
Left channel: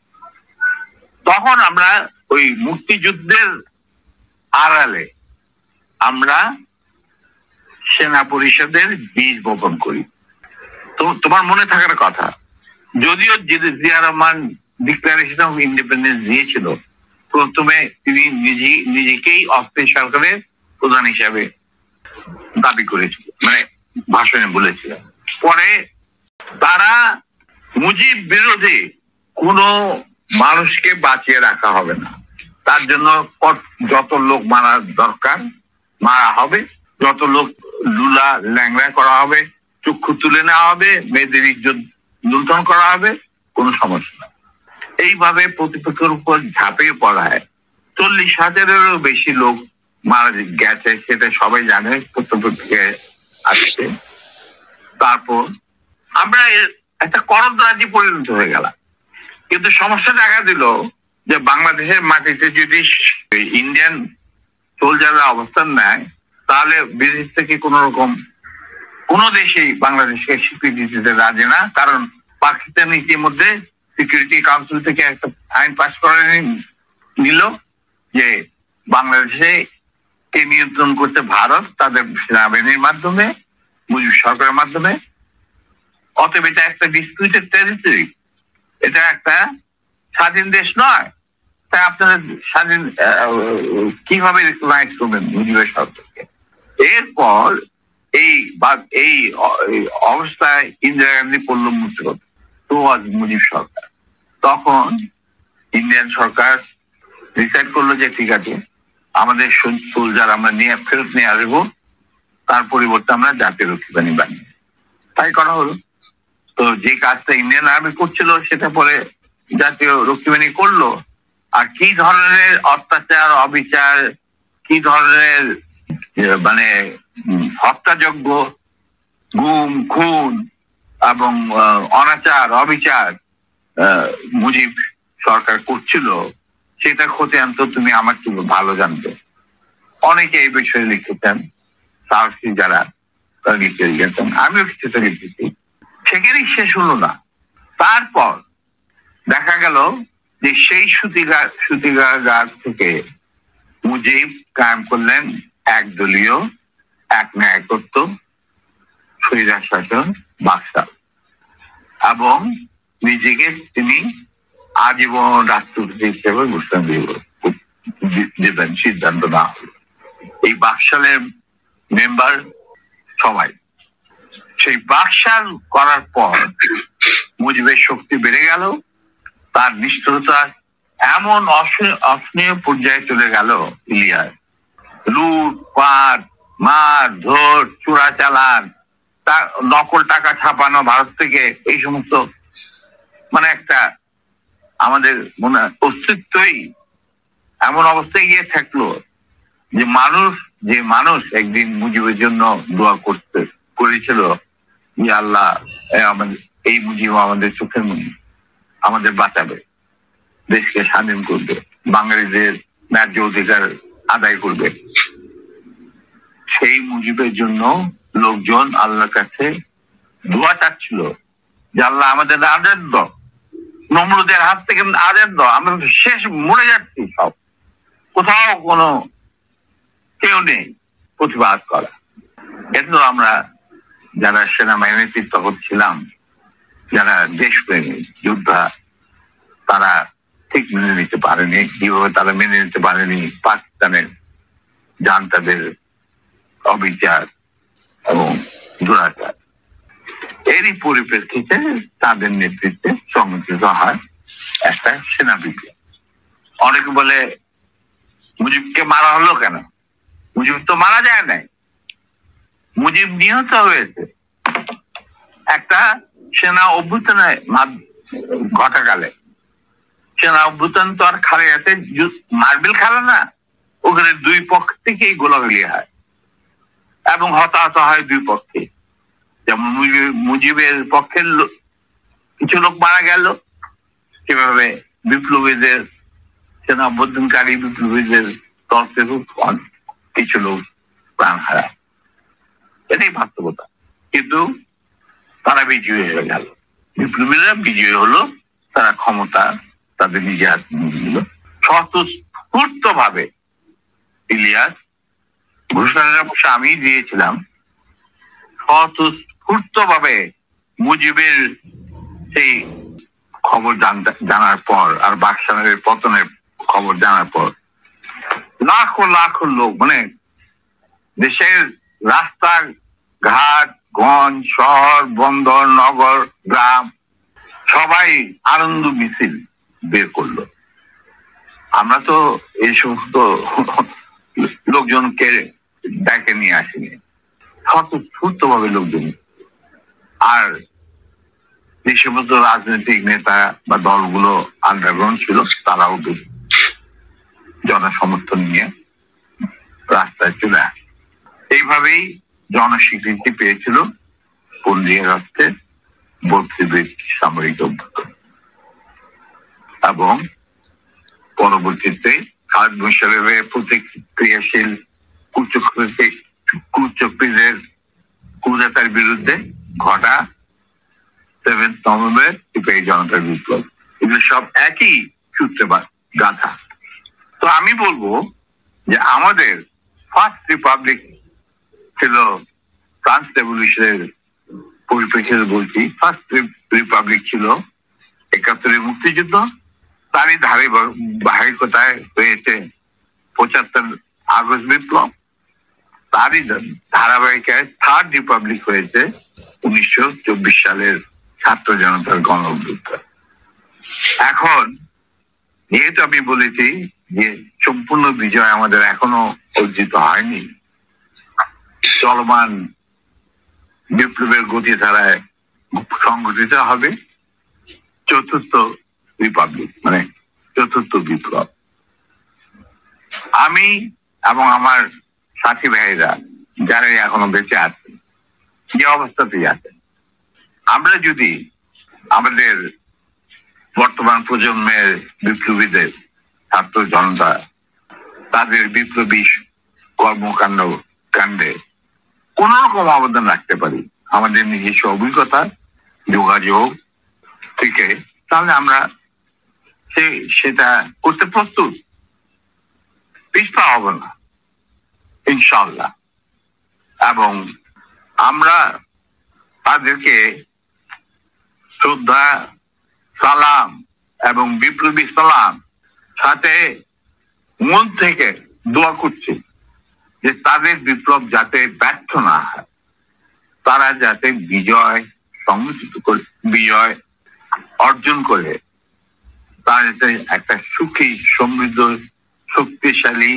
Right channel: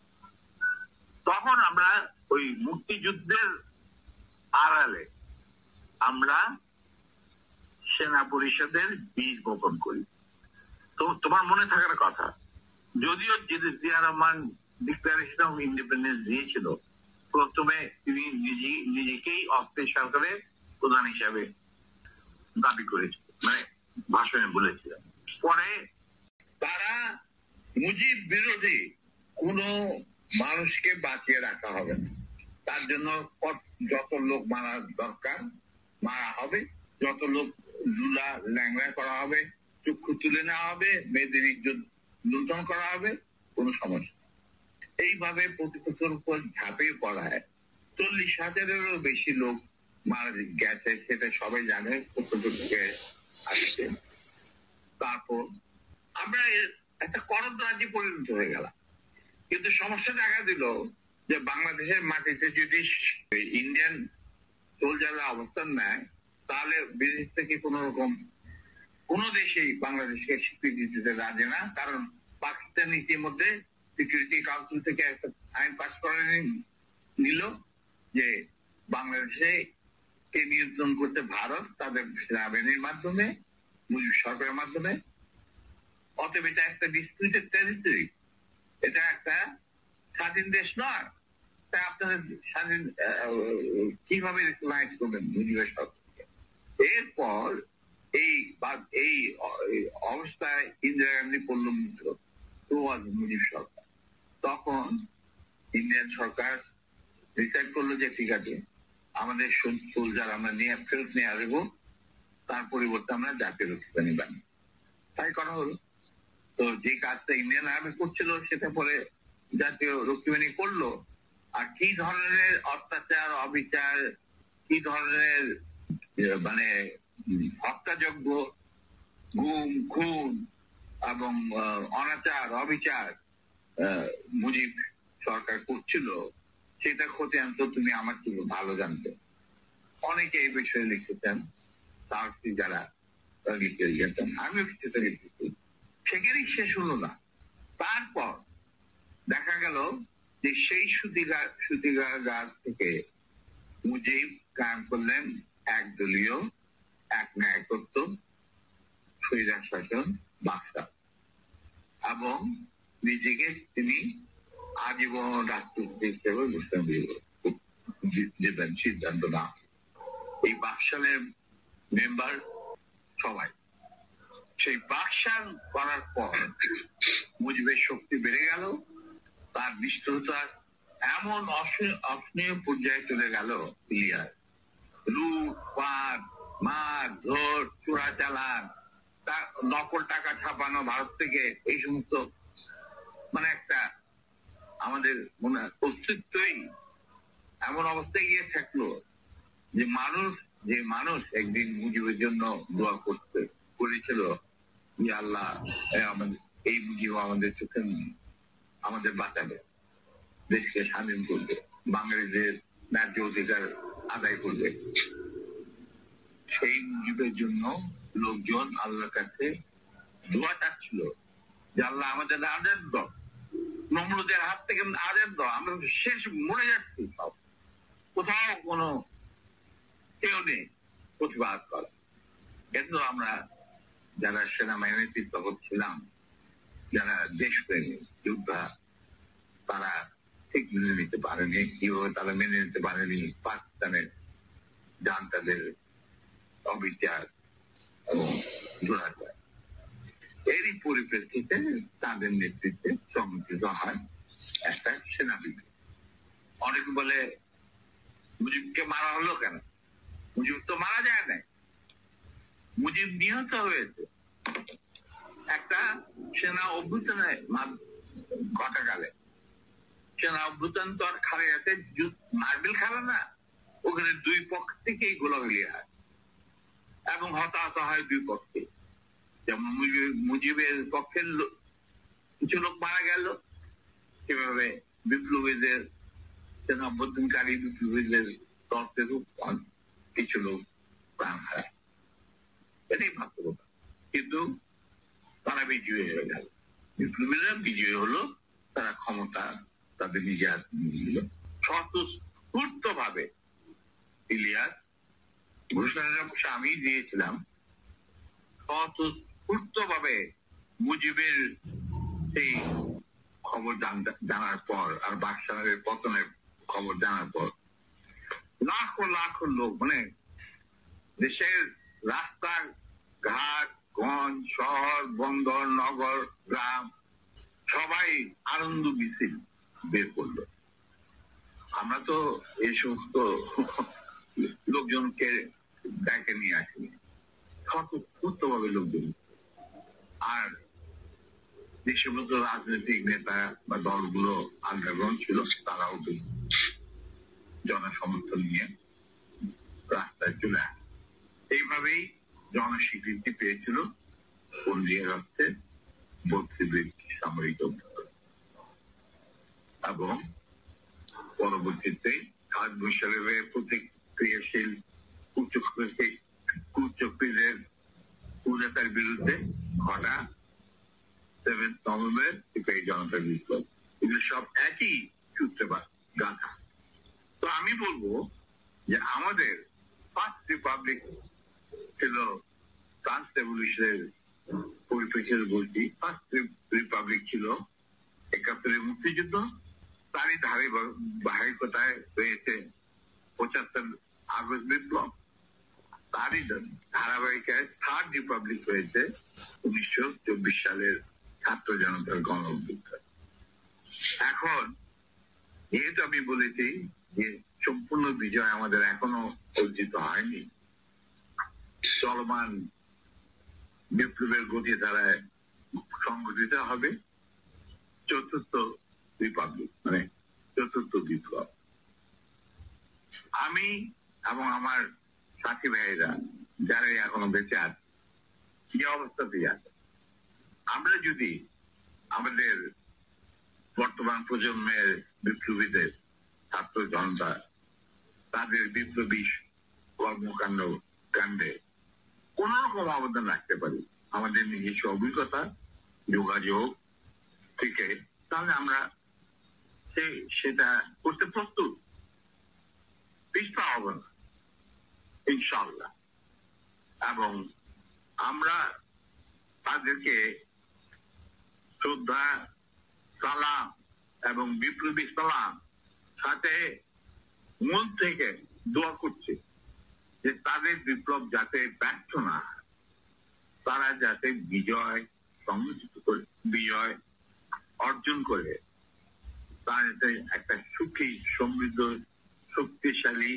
তখন আমরা ওই মুক্তিযুদ্ধের আড়ালে আমরা সেনা পরিষদের বীজ বপন করি। তো তোমার মনে থাকার কথা, যদিও Zia Rahman declaration of independence দিয়েছিল, প্রথমে তিনি নিজেকেই অস্থায়ী সরকারের প্রধান হিসাবে দাবি করেছিল, মানে ভাষণে বলেছিলেন। পরে তারা মুজিব বিরোধী কোনো মানুষকে বাঁচিয়ে রাখা হবে না, তার জন্য যত লোক মারা দরকার মারা হবে, যত লোক লুলা ল্যাংড়া করা হবে, চক্ষু তুলে নেওয়া হবে, মেয়েদের ইজ্জত লুণ্ঠন করা হবে, কোনো সমস্যা না। এইভাবে প্রতিপক্ষের উপর ঝাঁপিয়ে পড়ায় 40,000-এরও বেশি লোক মারা গেছে, সেটা সবাই জানে, প্রতিপক্ষে আসছে। তারপর আমরা একটা করদ রাজ্যে পরিণত হয়ে গেলাম। কিন্তু সমস্যা দেখা দিল যে বাংলাদেশের মাটিতে যদি ইন্ডিয়ান সোলজাররা অবস্থান নেয়, তাহলে বিদেশ থেকে কোন রকম কোন দেশেই বাংলাদেশকে স্বীকৃতি দিতে রাজি না। কারণ পাকিস্তান ইতিমধ্যে সিকিউরিটি কাউন্সিল থেকে একটা আইন পাস করে নিল যে বাংলাদেশে কে নিয়ন্ত্রণ করতে ভারত, তাদের সেনাবাহিনীর মাধ্যমে, মুজিব সরকারের মাধ্যমে। অতএব এটা একটা ডিসপিউটেড টেরিটরি, এটা একটা স্বাধীন দেশ নয়। তাই আপনারা স্বাধীন কিভাবে রিকগনাইজ করবেন মুজিবের সরকারকে? এরপর এই অবস্থায় ইন্দিরা গান্ধী পড়ল মুক্তিপদ, তো আজ মুজিব সরকার। তখন ইন্ডিয়ান সরকার ডিসাইড করলো যে ঠিক আছে, আমাদের সোলজার আমরা ফেরত নিয়ে আসবো, তার পরিবর্তে আমরা জাতীয় রক্ষী বাহিনী বানিয়ে, তাই করা হলো। তো যে কাজটা ইন্ডিয়ান আর্মি করছিল সেটা পরে জাতীয় রক্ষী বাহিনী করলো। আর কি ধরনের অত্যাচার, অবিচার, কি ধরনের মানে হত্যাযজ্ঞ, গুম, খুন এবং অনাচার, অবিচার মুজিব সরকার করছিল, সেটা খতিয়ান তো তুমি আমার থেকে ভালো জানতো। অনেকে এই বিষয়ে লিখেছেন, সাহসী যারা তারা লিখে গেছেন, আমিও কিছুটা লিখেছি। সেখানেই শেষ হলো না। তারপর দেখা গেল যে সেই সুতিগার থেকে মুজিব কায়েম করলেন একদলীয়, এক ন্যায়কত্ব, স্বৈরাচার শাসন, বাকশাল, এবং নিজেকে তিনি আজীবন রাষ্ট্রপতি হিসেবে ঘোষণা দেবেন সিদ্ধান্ত না হলো। এই বাকশালের মেম্বার সবাই। সেই বাকশাল করার পর মুজিবের শক্তি বেড়ে গেল, তার নিষ্ঠুরতা এমন অসহনীয় পর্যায়ে চলে গেল, ইলিয়াস লুটপাট, মার ধর, চোরাচালান, নকল টাকা ছাপানো ভারত থেকে, এই সমস্ত মানে একটা আমাদের মনে অস্তিত্বই এমন অবস্থায় গিয়ে থাকলো যে মানুষ একদিন মুজিবের জন্য দোয়া করেছিল যে আল্লাহ এই মুজিব আমাদের চোখের মুজিব, আমাদের বাঁচাবে, দেশকে স্বাধীন করবে, বাঙালিদের ন্যায্য অধিকার আদায় করবে। সেই মুজিবের জন্য লোকজন আল্লাহর কাছে দোয়া চাচ্ছিল যে আল্লাহ আমাদের আজাদ দাও, নমরুদের হাত থেকে আজাদ দাও, আমরা শেষ মরে যাচ্ছি, সব কোথাও কোনো কেউ নেই প্রতিবাদ করা। কিন্তু আমরা যারা সেনাবাহিনীতে তখন ছিলাম, যারা দেশপ্রেমী যোদ্ধা, তারা ঠিক মেনে নিতে পারেনি। কিভাবে তারা মেনে নিতে পারেনি পাকিস্তানের জান্তাদের অবিচার এবং দুরাচার। এরই পরিপ্রেক্ষিতে তাদের নেতৃত্বে সংগঠিত হয় একটা সেনা বিপ্লব। অনেকে বলে মুজিবকে মারা হলো কেন? মুজিব তো মারা যায় নাই, মুজিব নিহত হয়েছে একটা সেনা অভ্যুত্থানে ঘটাকালে। সেনা অভ্যুত্থান তো আর খালেদাতে মার্বেল খেলে না, ওখানে দুই পক্ষ থেকেই গোলাগুলি হয় এবং হতাহত হয় দুই পক্ষে। যেমন মুজিবের পক্ষের কিছু লোক মারা গেল, সেভাবে বিপ্লবীদের সেনা অভ্যুত্থানকারী বিপ্লবীদের তরফ থেকে কিছু লোক প্রাণ হারায়। এটাই বাস্তবতা। কিন্তু তারা বিজয়ী হয়ে গেল, বিপ্লবীরা বিজয়ী হলো, তারা ক্ষমতা তাদের নিজে হাতে নিয়ে নিল। স্বতঃস্ফূর্ত ভাবে ইলিয়াস ঘোষণাটা অবশ্য আমি দিয়েছিলাম, স্বতঃস্ফূর্ত ভাবে মুজিবের সেই খবর জানার পর আর বাকশালের পতনের খবর জানার পর লাখো লাখো লোক, মানে দেশের রাস্তা ঘাট গঞ্জ শহর বন্দর নগর গ্রাম সবাই আনন্দ মিছিল বের করলো। আমরা তো এই সমস্ত লোকজনকে ডেকে নিয়ে আসিনি, স্বতঃস্ফূর্ত ভাবে লোকজন। আর যে সমস্ত রাজনৈতিক নেতা বা দলগুলো আন্ডারগ্রাউন্ড ছিল, তারাও জনসমর্থন নিয়ে রাস্তায় চলে আসে। এইভাবেই জনস্বীকৃতি পেয়েছিল 15 আগস্টের 32 সামরিক অভ্যুত্থান। এবং পরবর্তীতে খালেদ মোশাররফের প্রতিক্রিয়াশীল কুচক্রীদের কুজাতার বিরুদ্ধে ঘটা 7 নভেম্বর সিপাহী জনতার বিপ্লব, এগুলো সব একই সূত্রে গাথা। তো আমি বলবো যে আমাদের ফার্স্ট রিপাবলিক ছিল ফ্রান্স রেভলিউশনের পরিপ্রেক্ষিতে বলছি, ফার্স্ট রিপাবলিক ছিল 71 মুক্তিযুদ্ধ, তারই ধারাবাহিকতায় হয়েছে 75 আগস্ট বিপ্লব, তারই ধারাবাহিকায় থার্ড রিপাবলিক হয়েছে 1924 সালের ছাত্র জনতার গণ অভ্যুত্থান। এখন যেহেতু আমি বলেছি যে সম্পূর্ণ বিজয় আমাদের এখনো অর্জিত হয়নি, চলমান বিপ্লবের গতিধারায় সংগঠিত হবে চতুর্থ রিপাবলিক, মানে চতুর্থ বিপ্লব। আমি এবং আমার সাথী ভাইরা যারা এখনো বেঁচে আছেন, যে অবস্থাতেই আছেন, আমরা যদি আমাদের বর্তমান প্রজন্মের বিপ্লবীদের ছাত্র জনতা তাদের বিপ্লবী কাণ্ডে কোন রকম অবদান রাখতে পারি আমাদের নিজস্ব অভিজ্ঞতা যোগাযোগ থেকে, তাহলে আমরা সেটা করতে প্রস্তুত, পিছপা হব না ইনশাআল্লাহ। এবং আমরা তাদেরকে শ্রদ্ধা সালাম এবং বিপ্লবী সালাম সাথে মন থেকে দোয়া করছি যে তাদের বিপ্লব যাতে ব্যর্থ না হয়, তারা যাতে বিজয় অর্জন করে, তারা যাতে একটা সুখী সমৃদ্ধ শক্তিশালী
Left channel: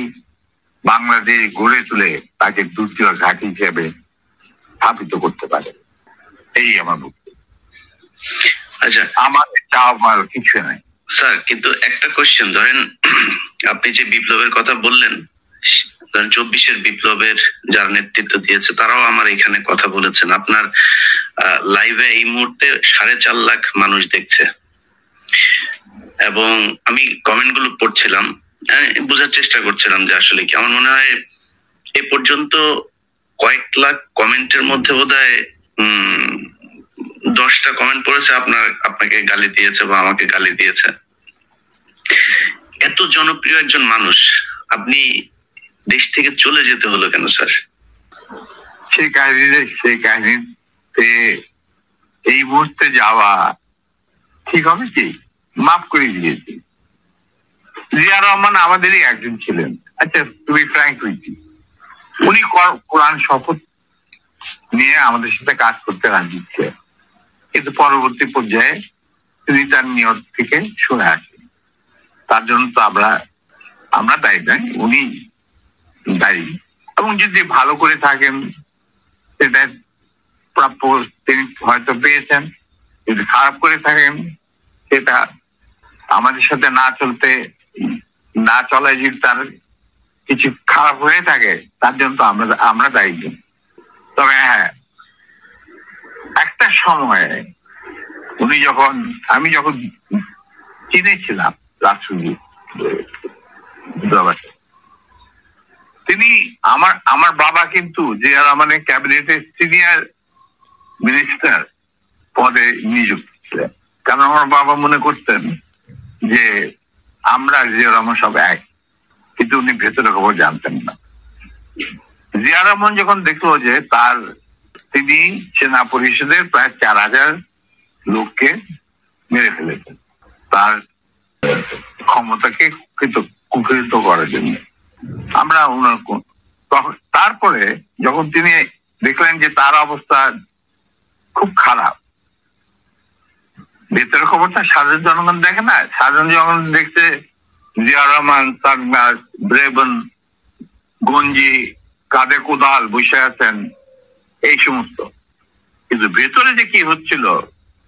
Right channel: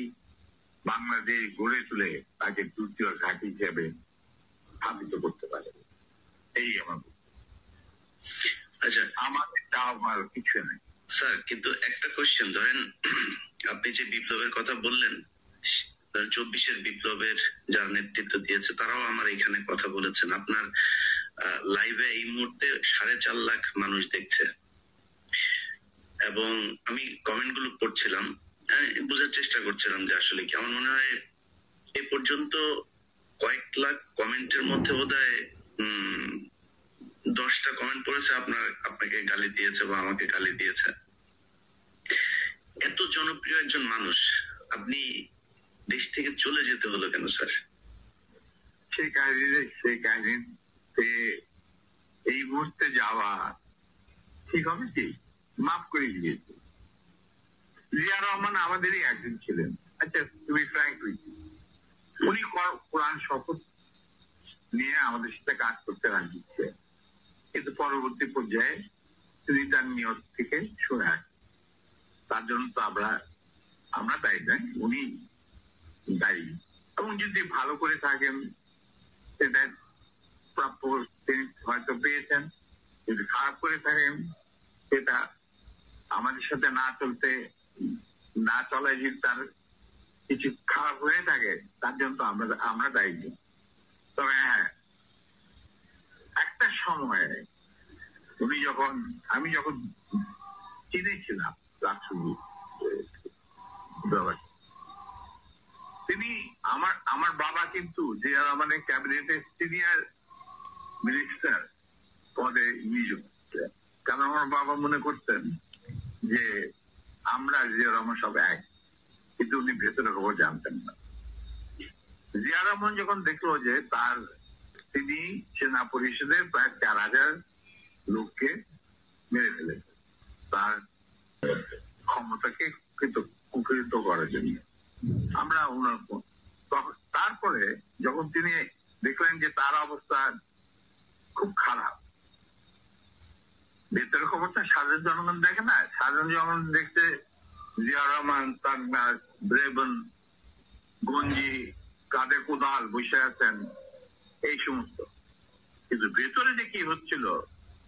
বাংলাদেশ গড়ে তুলে তাকে দ্বিতীয় ঘাঁটি হিসেবে স্থাপিত করতে পারে। এই আমার বক্তব্য। আচ্ছা, আমার চাওয়ার কিছু নাই স্যার, কিন্তু একটা কোশ্চেন, ধরেন আপনি যে বিপ্লবের কথা বললেন, ধরেন 24-এর বিপ্লবের যারা নেতৃত্ব দিয়েছে তারাও আমার এখানে কথা বলেছেন। আপনার লাইভে এই মুহূর্তে 4.5 লাখ মানুষ দেখছে, এবং আমি কমেন্ট গুলো পড়ছিলাম আমি বোঝার চেষ্টা করছিলাম যে আসলে কি। আমার মনে হয় এ পর্যন্ত কয়েক লাখ কমেন্টের মধ্যে বোধহয় 10টা কমেন্ট পড়েছে আপনাকে গালি দিয়েছে বা আমাকে গালি দিয়েছে। এত জনপ্রিয় একজন মানুষ, আপনি দেশ থেকে চলে যেতে হলো কেন স্যার? সেই কাহিনীতে এই মুহূর্তে যাওয়া ঠিক হবে কি? মাফ করে দিয়েছি। জিয়া রহমান আমাদেরই একজন ছিলেন। আচ্ছা, তুমি ফ্র্যাঙ্ক হইছি, উনি কোরআন শপথ নিয়ে আমাদের সাথে কাজ করতে রাজি ছিলেন, কিন্তু পরবর্তী পর্যায়ে তিনি তার নিয়ত থেকে সরে আসেন। তার জন্য তো আমরা দায়ী নয়, উনি দায়ী। এবং যদি ভালো করে থাকেন সেটা প্রাপ্য তিনি হয়তো পেয়েছেন, যদি খারাপ করে থাকেন সেটা আমাদের সাথে না চলায় যদি তার কিছু খারাপ হয়ে থাকে তার জন্য তো আমরা দায়ী। তবে হ্যাঁ, একটা সময়ে আমি যখন চিনেছিলাম রাষ্ট্রদূত, তিনি আমার বাবা কিন্তু জিয়া রহমানের ক্যাবিনেটের সিনিয়র মিনিস্টার পদে নিযুক্ত ছিলেন। কারণ আমার বাবা মনে করতেন যে আমরা জিয়া রহমান সব এক, কিন্তু উনি ভেতরে খবর জানতেন না। জিয়া রহমান যখন দেখলো যে তিনি সেনা পরিষদের প্রায় 4000 লোককে মেরে ফেলেছেন তার ক্ষমতাকে কুক্ষিগত করার জন্য, আমরা তারপরে যখন তিনি দেখলেন যে তার অবস্থা খুব খারাপ, ভেতরের খবরটা সাধারণ জনগণ দেখে না। সাধারণ জনগণ দেখছে জিয়া রহমান, সারনাস, ব্রেবন, গঞ্জি, কাঁধে কোদাল বসে আছেন, এই সমস্ত। কিন্তু ভেতরে যে কি হচ্ছিল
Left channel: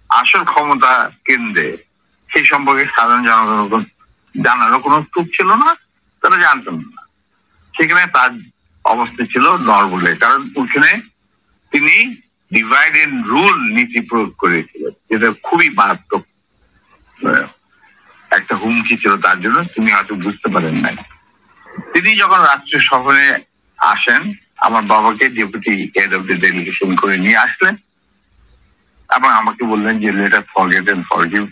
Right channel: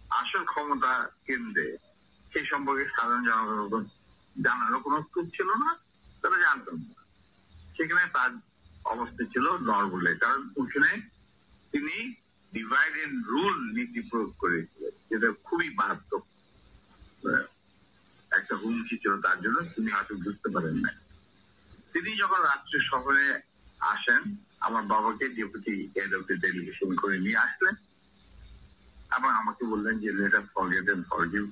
আসল ক্ষমতা কেন্দ্রে, সেই সম্পর্কে সাধারণ জনগণ জানারও কোনো সুযোগ ছিল না, তারা জানতেন না। সেখানে তার অবস্থা ছিল নরবলে, কারণ ওখানে তিনি ডিভাইড এন্ড রুল নীতি প্রয়োগ করেছিলেন, যেটা খুবই মারাত্মক একটা হুমকি ছিল তার জন্য। তিনি হয়তো বুঝতে পারেন নাই। তিনি যখন রাষ্ট্রীয় সফরে আসেন, আমার বাবাকে deputy head of the delegation করে নিয়ে আসলেন এবং আমাকে বললেন যে let us forget and forgive,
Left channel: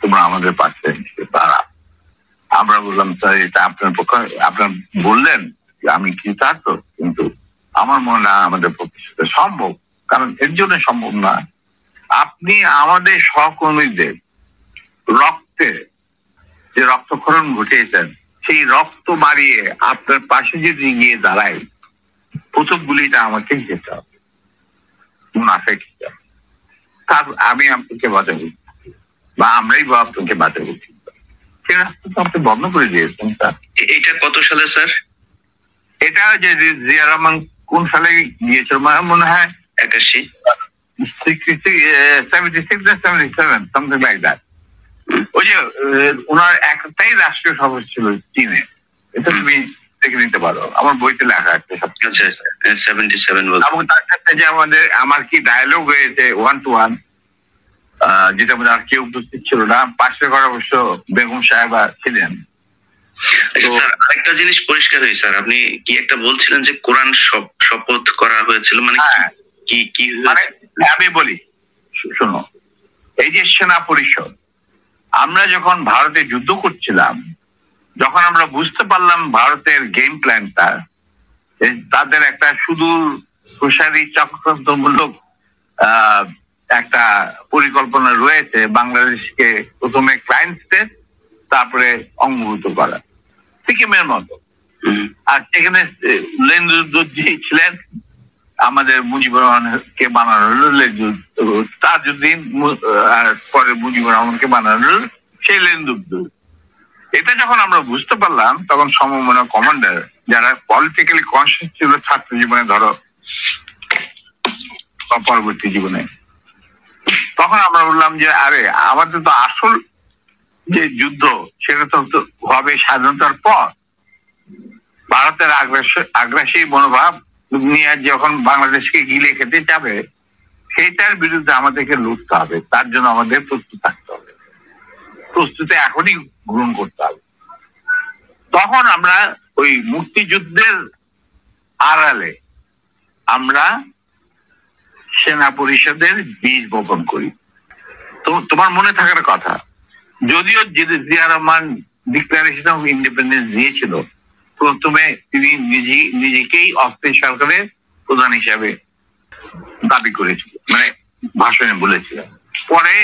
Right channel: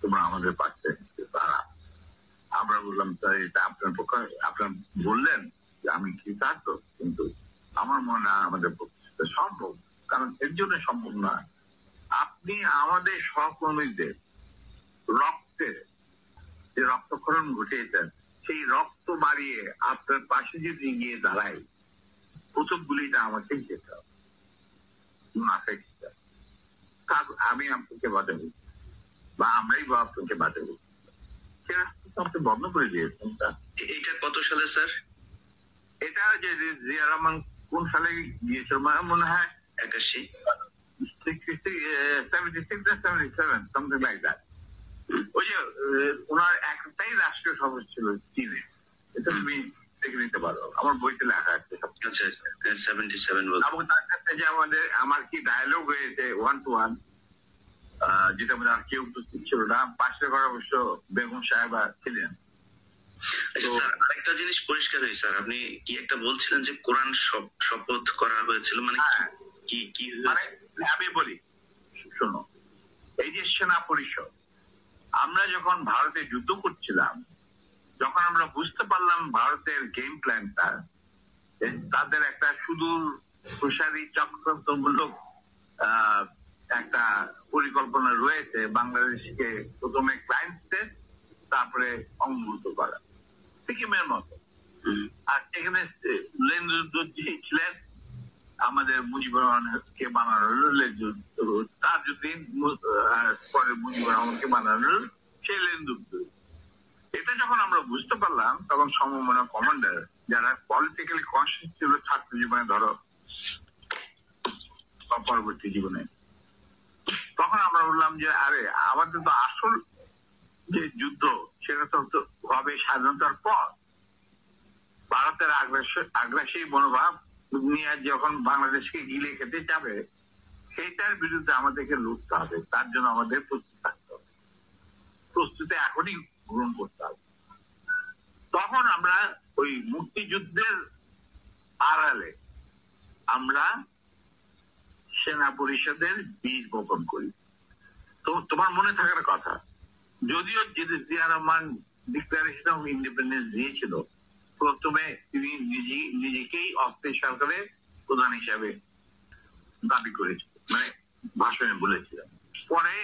তোমরা আমাদের পাশে তারা। আমরা বললাম স্যার, এটা আপনার পক্ষে, আপনার বললেন আমি কৃতার্থ, কিন্তু আমার মনে হয় আমাদের পক্ষে সম্ভব, কারণ এর জন্য সম্ভব না। আপনি আমাদের সহকর্মীদের রক্তে যে রক্তক্ষরণ ঘটিয়েছেন, সেই রক্ত মারিয়ে আপনার পাশে যদি গিয়ে দাঁড়ায়, প্রথম গুলিটা আমাকেই যেতে হবে, মুনাফেক হিসাবে। তার আমি আপনাকে বাঁচাবো বা আমরাই বা আপনাকে বাঁচাবো, সে রাস্তা তো আপনি বন্ধ করে দিয়েছেন স্যার। এটা কত সালে স্যার? এটা যে জিয়া রহমান কোন সালে গিয়েছিল মনে হয় 81, 76 or 77, something like that। ওই যে ওনার একটাই রাষ্ট্রীয় সভা ছিল চীনে, এটা তুমি দেখে নিতে পারো, আমার বইতে লেখা আছে। আচ্ছা, 77 বলতে। এবং তার সাথে যে আমার কি ডায়ালগ হয়েছে 1-to-1, যেটা মধ্যে আর কেউ উপস্থিত ছিল না, পাশের ঘরে অবশ্য বেগম সাহেবা ছিলেন। স্যার আরেকটা জিনিস পরিষ্কার হয়েছে স্যার, আপনি কি একটা বলছিলেন যে কোরআন শপথ করা হয়েছিল, মানে কি মানে আমি বলি শোনো, এই যে সেনা পরিষদ, আমরা যখন ভারতে যুদ্ধ করছিলাম, যখন আমরা বুঝতে পারলাম ভারতের গেম প্ল্যানটা, তাদের একটা সুদূর প্রসারী চক্রান্তমূলক একটা পরিকল্পনা রয়েছে, বাংলাদেশকে প্রথমে ক্লায়েন্ট স্টেট, তারপরে অঙ্গভূত করা, সিকিমের মতো। আর সেখানে লেন্দুদ্দোজি ছিলেন, আমাদের মুজিবুর রহমানকে বানানো হলো তাজউদ্দিন, আর পরে মুজিবুর রহমানকে বানানো হলো সেই লেন্দুদ্দোজ। এটা যখন আমরা বুঝতে পারলাম, তখন সমমনা কমান্ডার যারা পলিটিক্যালি কনসিয়াস ছিল ছাত্র জীবনে, ধরো পরবর্তী জীবনে, তখন আমরা বললাম যে আরে আমাদের তো আসল যে যুদ্ধ সেটা তো হবে স্বাধীনতার পর। ভারতের আগ্রাসী মনোভাব নিয়ে যখন বাংলাদেশকে গিলে খেতে যাবে, সেইটার বিরুদ্ধে আমাদেরকে লড়তে হবে। তার জন্য আমাদের প্রস্তুত থাকতে হবে, প্রস্তুতি এখনই গ্রহণ করতে হবে। তখন আমরা ওই মুক্তিযুদ্ধের আড়ালে আমরা সেনা পরিষদের বীজ বপন করি। তো তোমার মনে থাকার কথা, যদিও Zia Rahman declaration of independence দিয়েছিল, প্রথমে তিনি নিজেকেই অস্থায়ী সরকারের প্রধান হিসাবে দাবি করেছিল, মানে ভাষণে বলেছিলেন। পরে